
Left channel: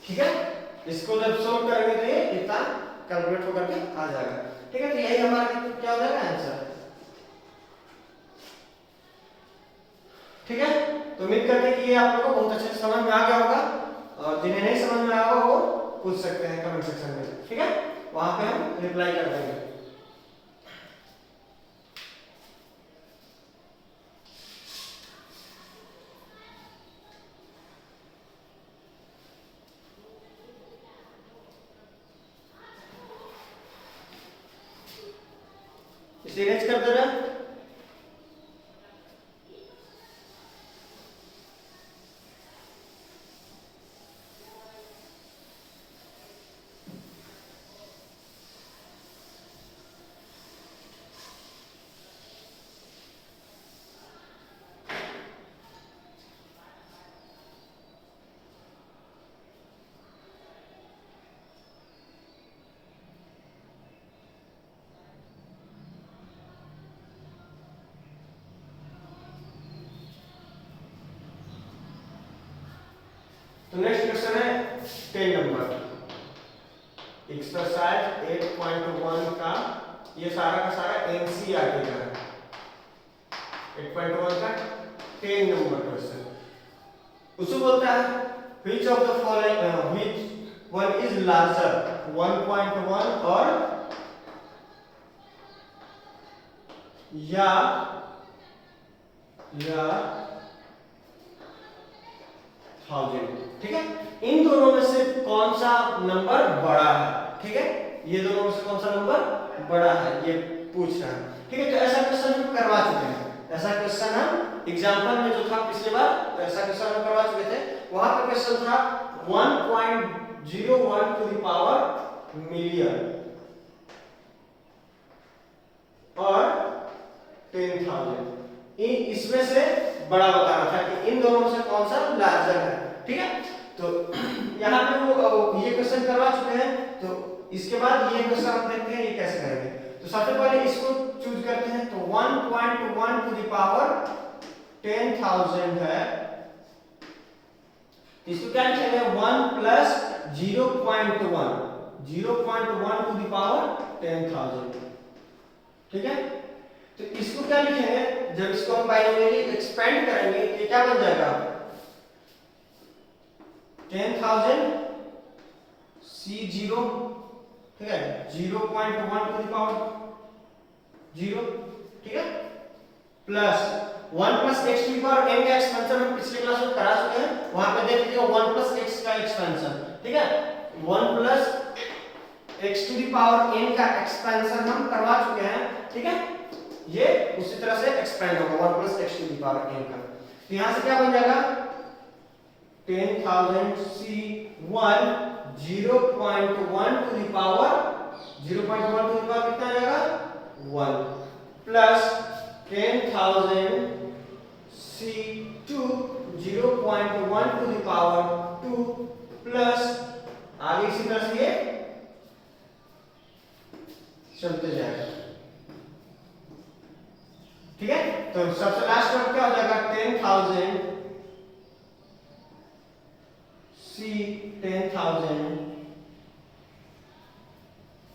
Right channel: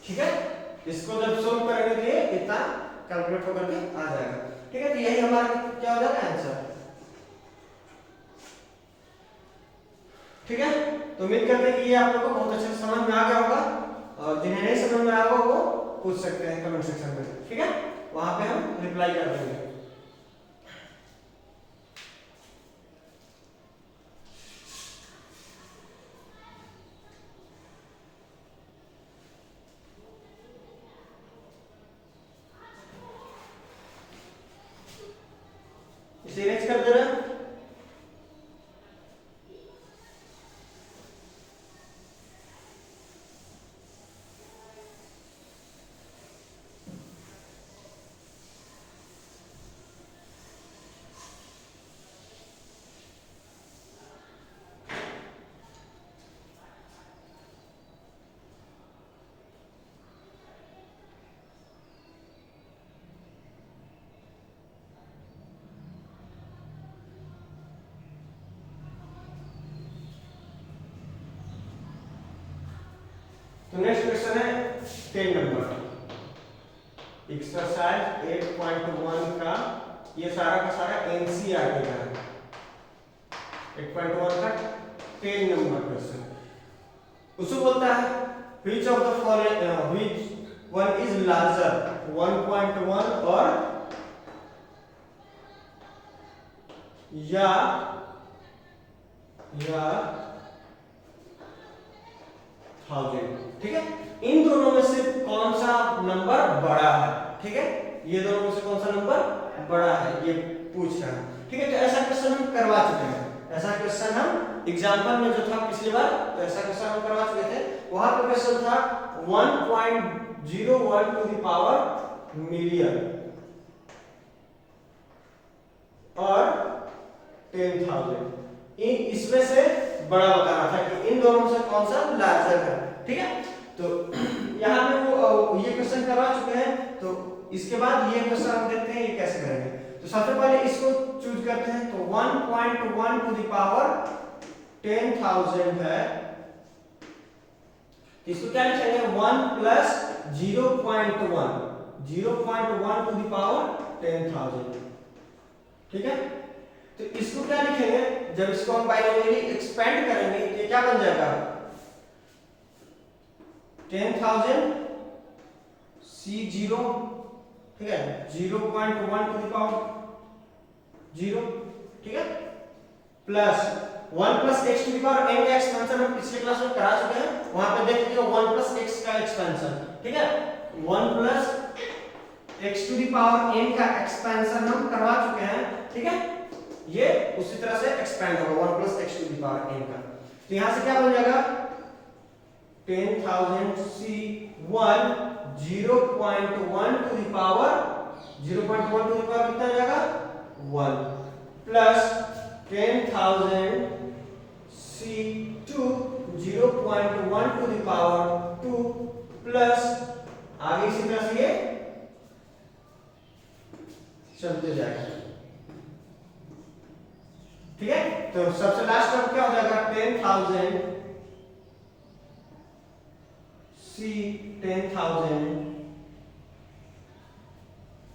ठीक है, इसको जब सोल्व करेंगे तो ये इतना कैलकुलेट होकर के आ जाएगा। ठीक है, तो यही हमारा क्या हो जाएगा आंसर। ठीक है, तो उम्मीद करते हैं कि ये आप लोगों को बहुत अच्छे से समझ में आ गया होगा, और जिन्हें नहीं समझ में आया होगा वो पूछ सकते हैं कमेंट सेक्शन में। ठीक है, वहां पे हम रिप्लाई कर देंगे। इसे नेक्स्ट कर दे रहा है। तो नेक्स्ट क्वेश्चन है 10 नंबर, एक्सरसाइज 8.1 का ये सारा का सारा एनसीईआरटी का है। 8.1 का 10 नंबर क्वेश्चन उसको बोलता है which of the following which one is larger 1.1 और या 1000। ठीक है, इन दोनों में से कौन सा नंबर बड़ा है। ठीक है, ये दोनों में से कौन सा नंबर बड़ा है ये पूछ रहा है। ठीक है, तो ऐसा क्वेश्चन हम करवा चुके हैं। ऐसा क्वेश्चन हम एग्जांपल में जो था पिछली बार, तो ऐसा क्वेश्चन हम करवा चुके थे। वहां पे क्वेश्चन था 1.01 टू द पावर मिलियन। 10,000। इसमें से बड़ा बताना था कि इन दोनों में से कौन सा लार्जर है, ठीक है। तो यहाँ पे वो ये क्वेश्चन करवा चुके हैं, तो इसके बाद ये क्वेश्चन हम देखते हैं ये कैसे करेंगे। तो सबसे पहले इसको चूज करते हैं, तो 1.1 टू द पावर 10,000 है, इसको क्या लिखेंगे 1 प्लस 0.1 टू द पावर 10,000, ठीक है। तो इसको क्या लिखेंगे, जब इसको हम बाइनोमियली एक्सपेंड करेंगे ये क्या बन जाएगा 10,000 C0, ठीक है, 0.1 टू द पावर 0, ठीक है, plus 1 plus x to the power n का एक्सपेंशन हम पिछले क्लास में करा चुके हैं, वहां पे देख लीजिए 1 प्लस x का एक्सपेंशन, ठीक है, 1 plus x to the power n का एक्सपेंशन हम करवा चुके हैं, ठीक है। ये उसी तरह से एक्सपेंड होगा 1 plus x to the power n का। तो यहां से क्या बन जाएगा 10,000 C1 0.1 to the power 0.1 to the power कितना जाएगा 1 plus 10,000 C2 0.1 to the power 2 plus आगे इसी तरह से ये चलते जाएगा, ठीक है। तो सबसे लास्ट टर्म क्या हो जाएगा 10,000 C 10,000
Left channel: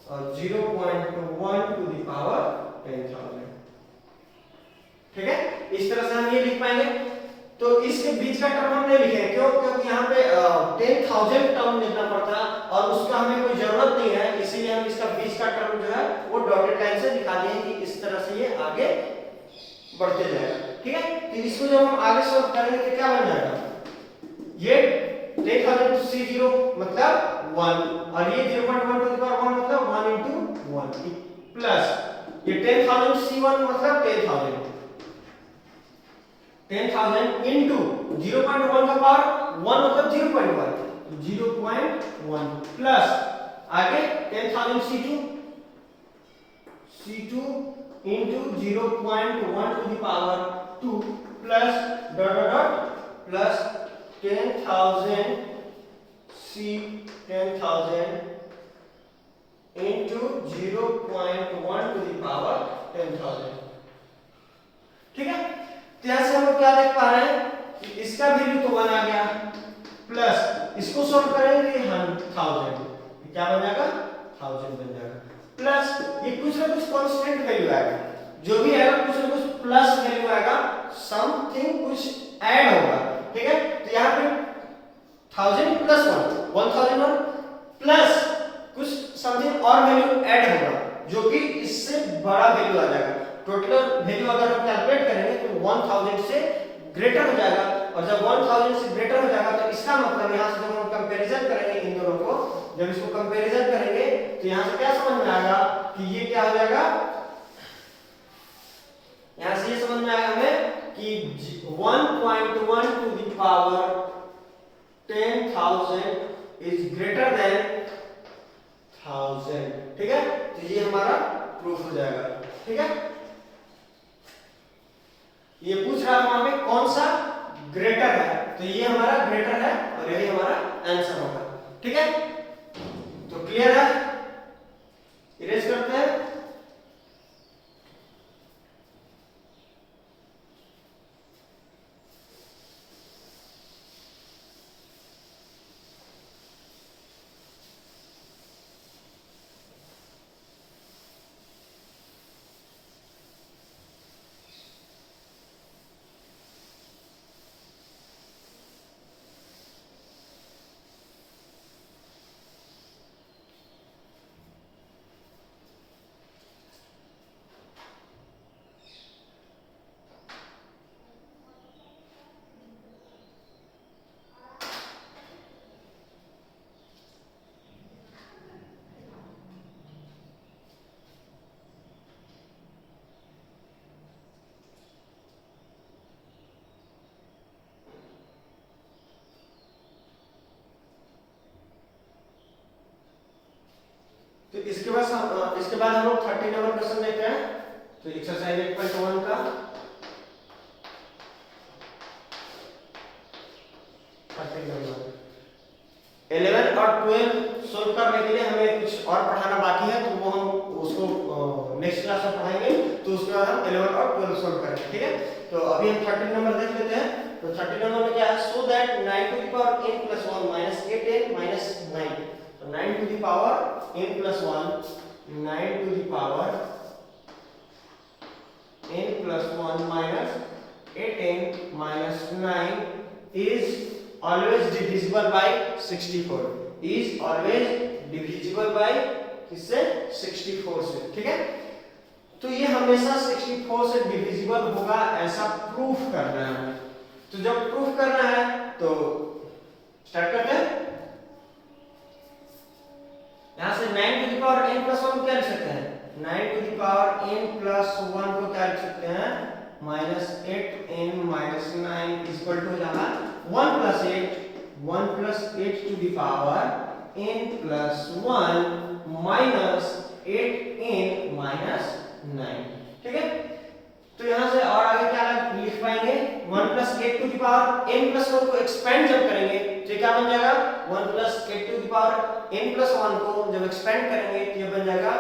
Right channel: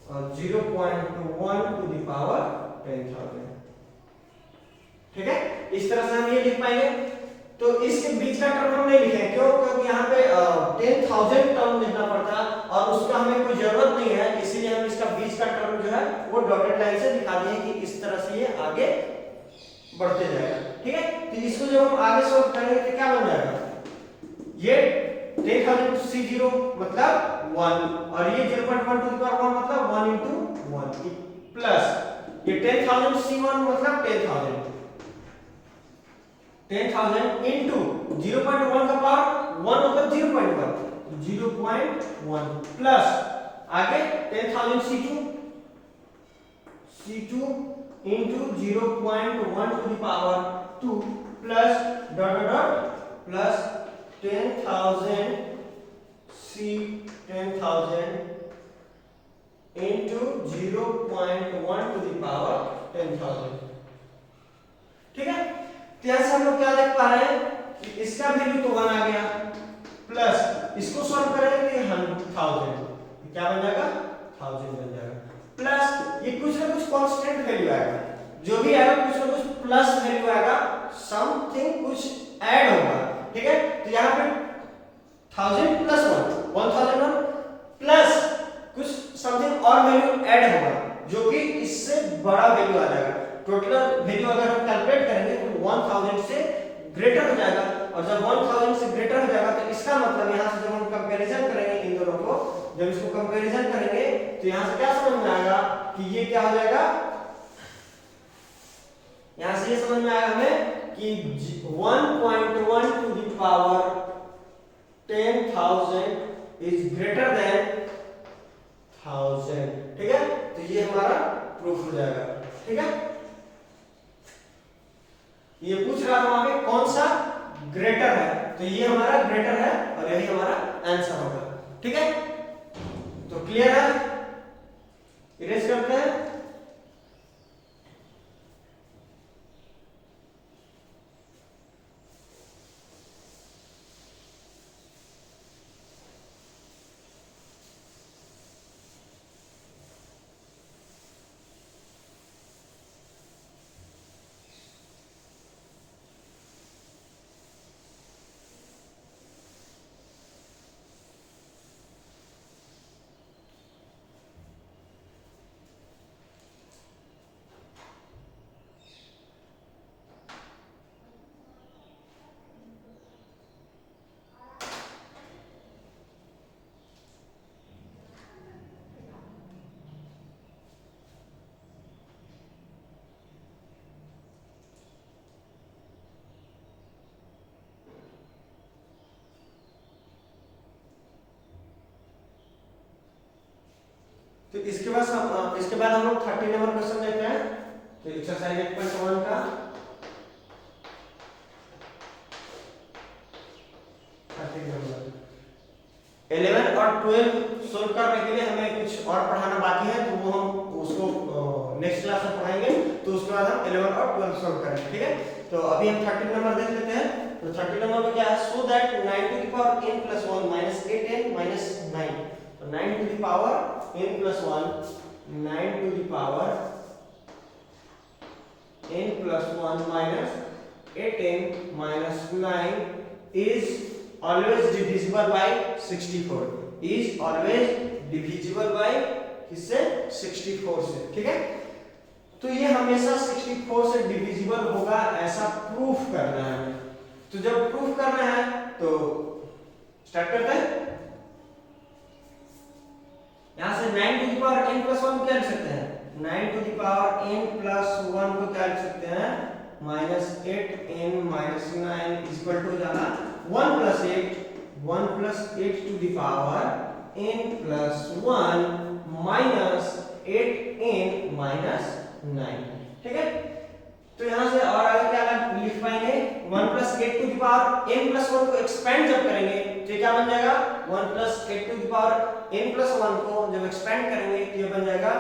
और 0.1 टू द पावर 10,000, ठीक है। इस तरह से हम ये लिख पाएंगे। तो इसके बीच का टर्म हम नहीं लिखेंगे, क्यों, क्योंकि यहाँ पे 10,000 टर्म लिखना पड़ता है और उसका हमें कोई जरूरत नहीं है, इसीलिए हम इसका बीच का टर्म जो है वो डॉटेड लाइन से दिखा दिए कि इस तरह से ये आगे बढ़ते जाएगा, ठीक है। तो इसको जब हम आगे सॉल्व करेंगे तो क्या बन जाएगा, ये 10,000 C0 मतलब 1 और ये 0.1 टू द पावर 1 मतलब 1 into 1 प्लस ये 10,000 C1 मतलब 10,000 into 0.1 का पावर 1 मतलब 0.1 प्लस आगे 10,000 C2 into 0.1 to the power 2 plus dot dot dot plus 10,000 10,000 into 0.1 to the power 10,000, ठीक है। तो यहां से हम लोग क्या देख पा रहे हैं कि इसका वैल्यू तो 1 आ गया, प्लस इसको सॉल्व करेंगे तो 1000 क्या बन जाएगा 1000 बन जाएगा, प्लस ये कुछ ना कुछ कांस्टेंट वैल्यू आएगा, जो भी आएगा कुछ ना कुछ प्लस वैल्यू आएगा, समथिंग कुछ ऐड होगा, ठीक है। तो यहाँ पे 1000 प्लस 1 1001 प्लस कुछ समथिंग और वैल्यू ऐड होगा जो कि इससे बड़ा वैल्यू आ जाएगा। टोटल वैल्यू अगर हम कैलकुलेट करेंगे तो 1000 से ग्रेटर हो जाएगा, और जब 1000 से ग्रेटर हो जाएगा तो इसका मतलब यहाँ से जब हम कंपैरिजन करेंगे इन दोनों को, जब इसको कंपैरिजन करेंगे तो यहाँ से क्या समझ में आएगा कि ये क्या हो जाएगा, यहाँ से ये समझ में आएगा हमें कि 1.1 to the power 10,000 is greater than 1000, ठीक है। तो ये हमारा प्रूफ हो जाएगा, ठीक है। ये पूछ रहा था वहां पे कौन सा ग्रेटर है, तो ये हमारा ग्रेटर है और यही हमारा आंसर होगा, ठीक है। तो क्लियर है, इरेज करते हैं। तो इसके बाद हम लोग 30 नंबर क्वेश्चन देखते हैं। तो एक्सरसाइज 8.1 का 30 नंबर 11 और 12 सोल्व करने के लिए हमें कुछ और पढ़ाना बाकी है, तो वो हम उसको नेक्स्ट क्लास में पढ़ाएंगे। तो उसके बाद हम 11 और 12 सोल्व करेंगे, ठीक है। तो अभी हम 13 नंबर देख लेते हैं। तो 13 नंबर में क्या है, so that 9 to the power n plus 1 minus 8n minus 9। तो 9 to the power n plus 1, 9 to the power n plus 1 minus 8n minus 9 is always divisible by 64, is always divisible by किससे, 64 से, ठीक है। तो ये हमेशा 64 से divisible होगा ऐसा प्रूफ करना है हमें। तो जब प्रूफ करना है तो स्टार्ट करते हैं। यहां से 9 to the power n plus 1 क्या लिख सकते हैं, 9 to the power n plus 1 को क्या लिख सकते हैं, -8n minus 9 इक्वल टू हो जाएगा 1 plus 8 to the power n plus 1 minus 8n minus 9, ठीक है। तो यहां से और आगे क्या लिख पाएंगे, 1 plus 8 to the power n plus 1 को एक्सपेंड जब करेंगे तो क्या बन जाएगा, 1 plus 8 to the power n plus 1 को जब एक्सपेंड करेंगे तो ये बन जाएगा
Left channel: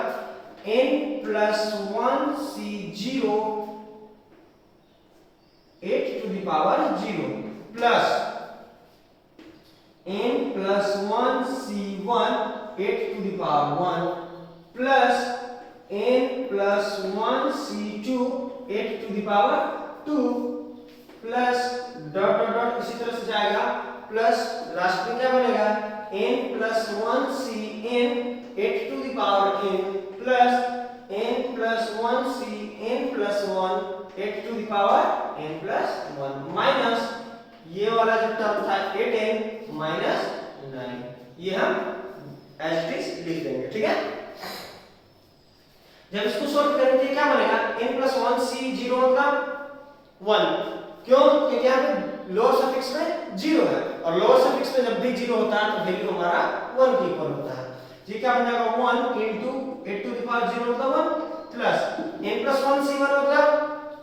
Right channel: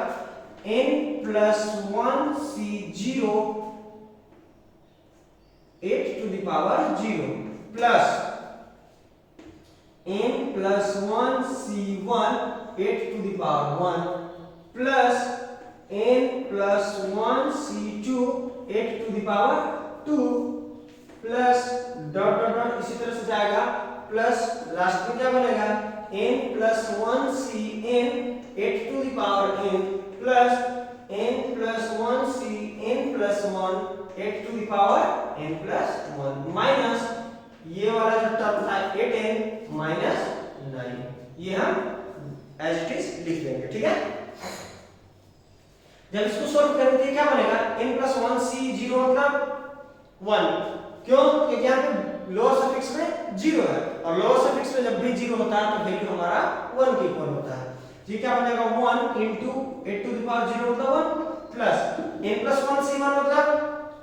n plus 1 c0 8 to the power 0 plus n plus 1 c1 8 to the power 1 plus n plus 1 c2 8 to the power 2 plus dot dot dot इसी तरह से जाएगा प्लस लास्ट में क्या बनेगा, n plus 1 cn 8 to the power n plus n plus 1 cn plus 1 8 to the power n plus 1 minus ये वाला जो टर्म था 8n minus 9, ये हम एज इट इज लिख देंगे, ठीक है। जब इसको सॉल्व करेंगे क्या बनेगा, n plus 1 c0 मतलब 1, क्यों, क्योंकि यहाँ पे लोअर सफिक्स में 0 है और लोअर सफिक्स में जब भी 0 होता है तो वैल्यू हमारा 1 के इक्वल होता है। ये क्या बन जाएगा, 1 into 8 to the power 0 मतलब 1 प्लस n plus 1 c1 मतलब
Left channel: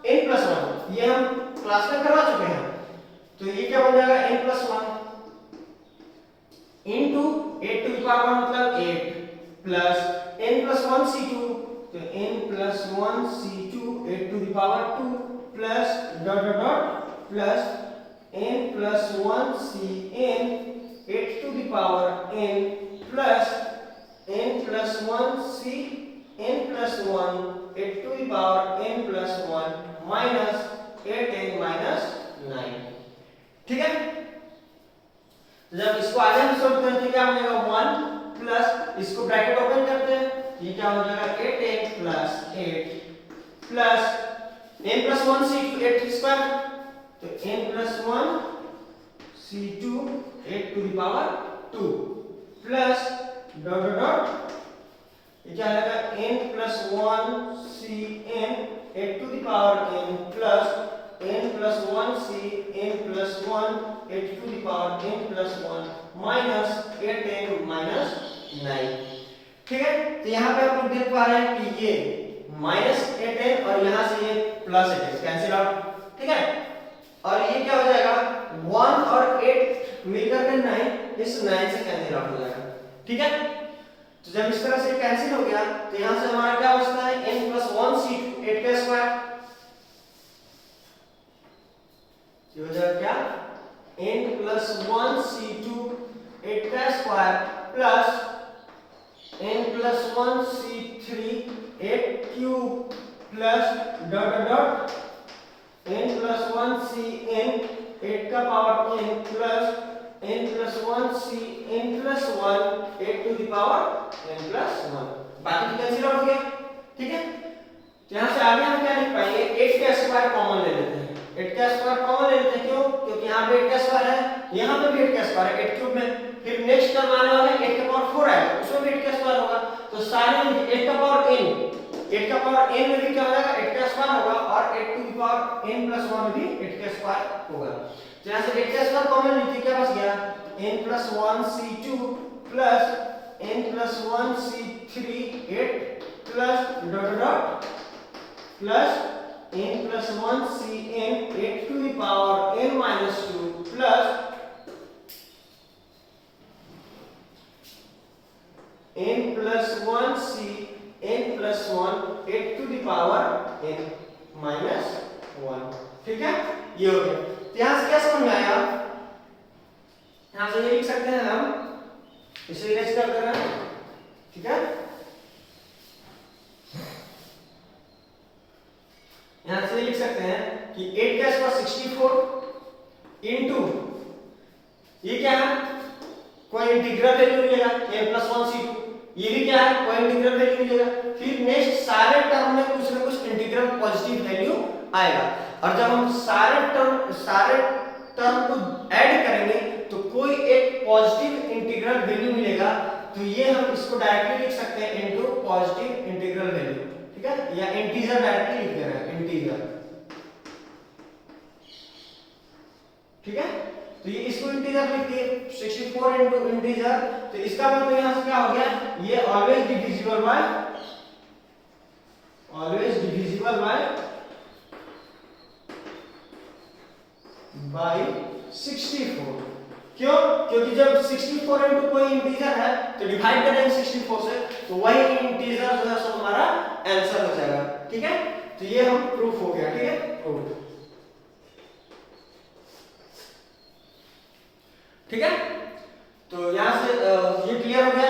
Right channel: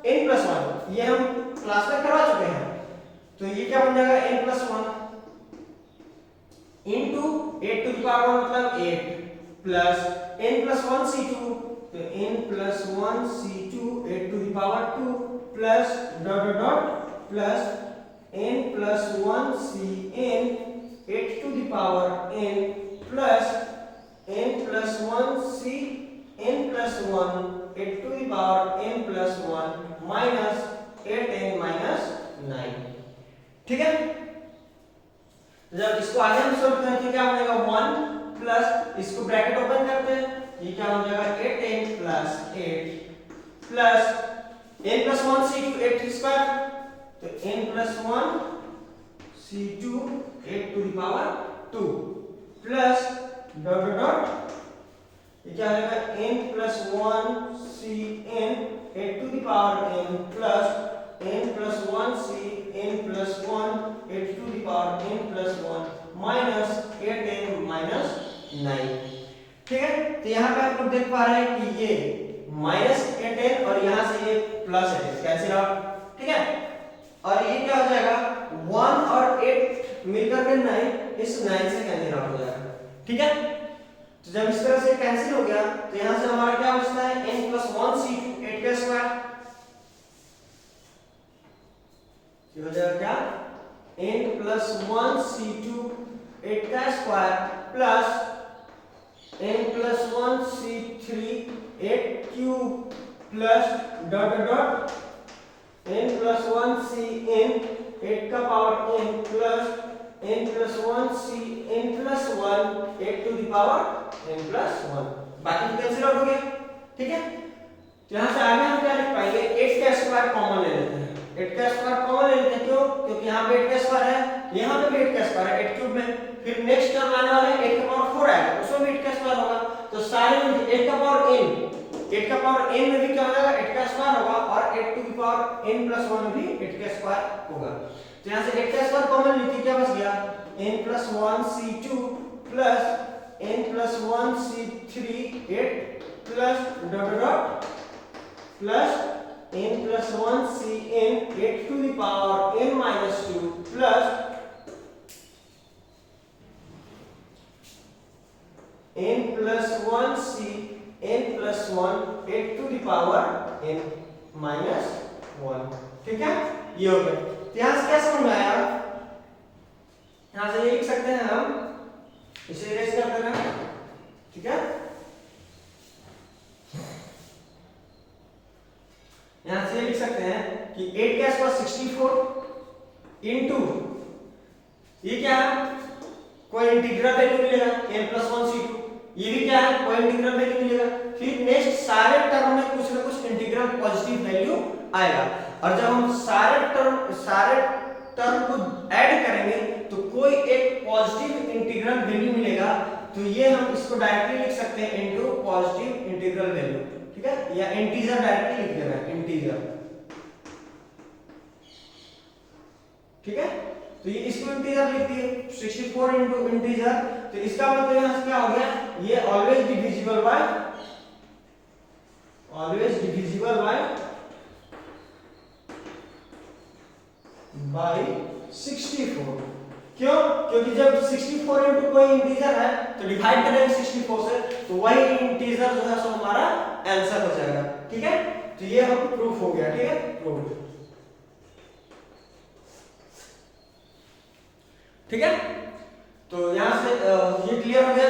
n plus 1, ये हम क्लास में करवा चुके हैं। तो ये क्या बन जाएगा, n plus 1 into 8 to the power 1 मतलब 8 प्लस n plus 1 c2, तो n plus 1 c2 8 to the power 2 plus dot dot dot plus n plus 1 cn 8 to the power n plus n plus 1 c n plus 1 8 to the power n plus 1 minus 8n minus 9, ठीक है। जब इसको आगे हम solve करते हैं क्या हो जाएगा, 1 प्लस इसको ब्रैकेट ओपन करते हैं, ये क्या हो जाएगा 8n plus 8 plus n plus 1 c2 8 square, तो n plus 1 c2 8 to the power 2 plus dot dot dot ये क्या आएगा, n plus 1 cn 8 to the power n plus n plus 1 cn plus 1 8 to the power n plus 1 minus 8n minus 9, ठीक है। तो यहाँ पे आप लोग देख पा रहे हैं कि ये माइनस 8n और यहाँ से ये प्लस 8n कैंसिल आउट, ठीक है। और ये क्या हो जाएगा, 1 और 8 मिलकर के 9, इस 9 से कैंसिल आउट हो जाएगा, ठीक है। तो जब इस तरह से कैंसिल हो गया तो यहाँ से हमारा क्या बचता है, n plus 1 c2 8 का स्क्वायर, ये हो जाएगा क्या, n plus 1 c2 8 का square plus n plus 1 c3 8 cube plus dot dot dot n plus 1 cn 8 का power n plus n plus 1 cn plus 1 8 to the power n plus 1, बाकी तो cancel out हो गया, ठीक है। तो यहाँ से आगे हम क्या लिख पाएंगे, 8 का स्क्वायर कॉमन ले लेते हैं, 8 का स्क्वायर कॉमन ले लेते हैं, क्यों, क्योंकि यहाँ पे 8 का स्क्वायर है, यहाँ पे भी 8 का स्क्वायर है 8 क्यूब में, फिर नेक्स्ट टर्म आने वाला है 8 का पावर 4 आएगा, उसमें भी 8 का स्क्वायर होगा, तो सारे में 8 का पावर n में भी क्या हो जाएगा, 8 का स्क्वायर होगा और 8 to the power n plus 1 में भी 8 का स्क्वायर होगा। तो यहाँ से 8 का स्क्वायर कॉमन लेते क्या बच गया, n plus 1 c2 plus n plus 1 c3 8 plus dot dot plus n plus 1 Cn 8 to the power n minus 2 plus n plus 1 C n plus 1 8 to the power n minus 1। ठीक है, ये हो गया। यहां से क्या समझ में आया? यहां से ये लिख सकते हैं हम, इसे इरेज कर देना। ठीक है, यहां से लिख सकते हैं कि 8 का स्क्वायर 64 इनटू ये क्या है, कोई इंटीग्रल वैल्यू मिलेगा n+1c2, ये भी क्या है, कोई इंटीग्रल वैल्यू मिलेगा। फिर नेक्स्ट सारे टर्म में कुछ ना कुछ इंटीग्रल पॉजिटिव वैल्यू आएगा, और जब हम सारे टर्म को ऐड करेंगे तो कोई एक पॉजिटिव इंटीग्रल वैल्यू मिलेगा। तो ये हम इसको डायरेक्टली लिख सकते हैं इनटू पॉजिटिव इंटीग्रल वैल्यू। ठीक है, या इंटीजर डायरेक्टली लिख देना है, इंटीजर। ठीक है, तो ये इसको इंटीजर लिख दिए 64 इनटू इंटीजर। तो इसका मतलब यहां से क्या हो गया, ये ऑलवेज डिविजिबल बाय 64। क्यों? क्योंकि जब 64 इनटू कोई इंटीजर है तो डिवाइड करेंगे 64 से, तो वही इंटीजर जो है सो हमारा आंसर हो जाएगा। ठीक है, तो ये हम प्रूफ हो गया। ठीक है, प्रूफ। ठीक है, तो यहां से ये क्लियर हो गया।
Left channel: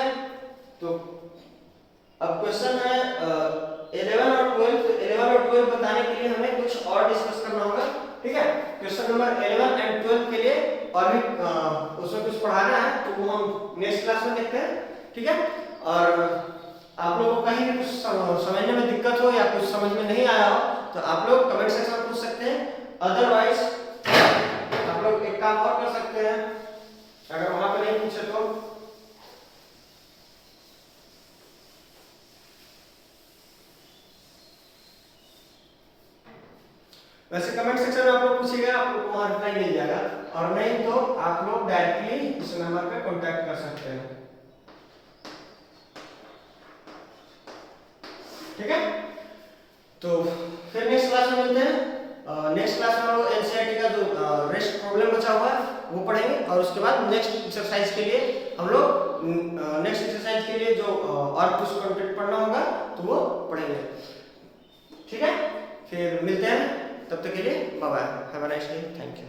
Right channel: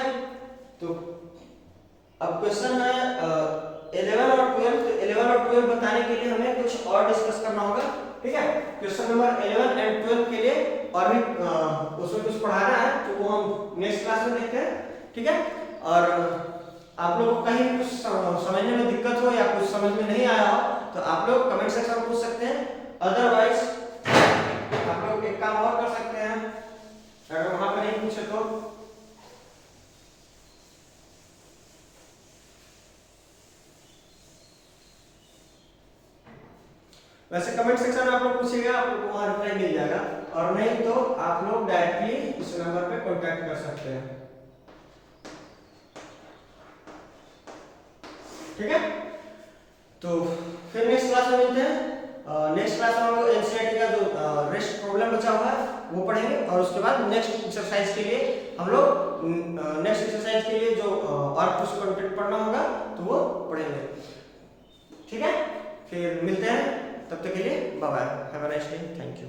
तो अब क्वेश्चन है 11 और 12। तो 11 और 12 बताने के लिए हमें कुछ और डिस्कस करना होगा। ठीक है, क्वेश्चन नंबर 11 एंड 12 के लिए और भी उसमें कुछ पढ़ाना है, तो वो हम नेक्स्ट क्लास में देखते हैं। ठीक है, और आप लोगों को कहीं भी कुछ समझने में दिक्कत हो या कुछ समझ में नहीं आया हो तो आप लोग कमेंट सेक्शन में पूछ सकते हैं। अदरवाइज आप लोग एक काम और कर सकते हैं, अगर वहां पर नहीं पूछे तो वैसे कमेंट सेक्शन में आप लोग पूछिएगा, आप लोग को वहां रिप्लाई मिल जाएगा, और नहीं तो आप लोग डायरेक्टली इस नंबर पे कांटेक्ट कर सकते हैं। ठीक है, तो फिर नेक्स्ट क्लास में मिलते हैं। नेक्स्ट क्लास में हम लोग एनसीईआरटी का जो रेस्ट प्रॉब्लम बचा हुआ है वो पढ़ेंगे, और उसके बाद नेक्स्ट एक्सरसाइज के लिए हम लोग नेक्स्ट एक्सरसाइज के लिए जो और कुछ कंटेंट पढ़ना होगा तो वो पढ़ेंगे। ठीक है, फिर मिलते हैं, तब तक के लिए bye bye, have a nice day, thank you.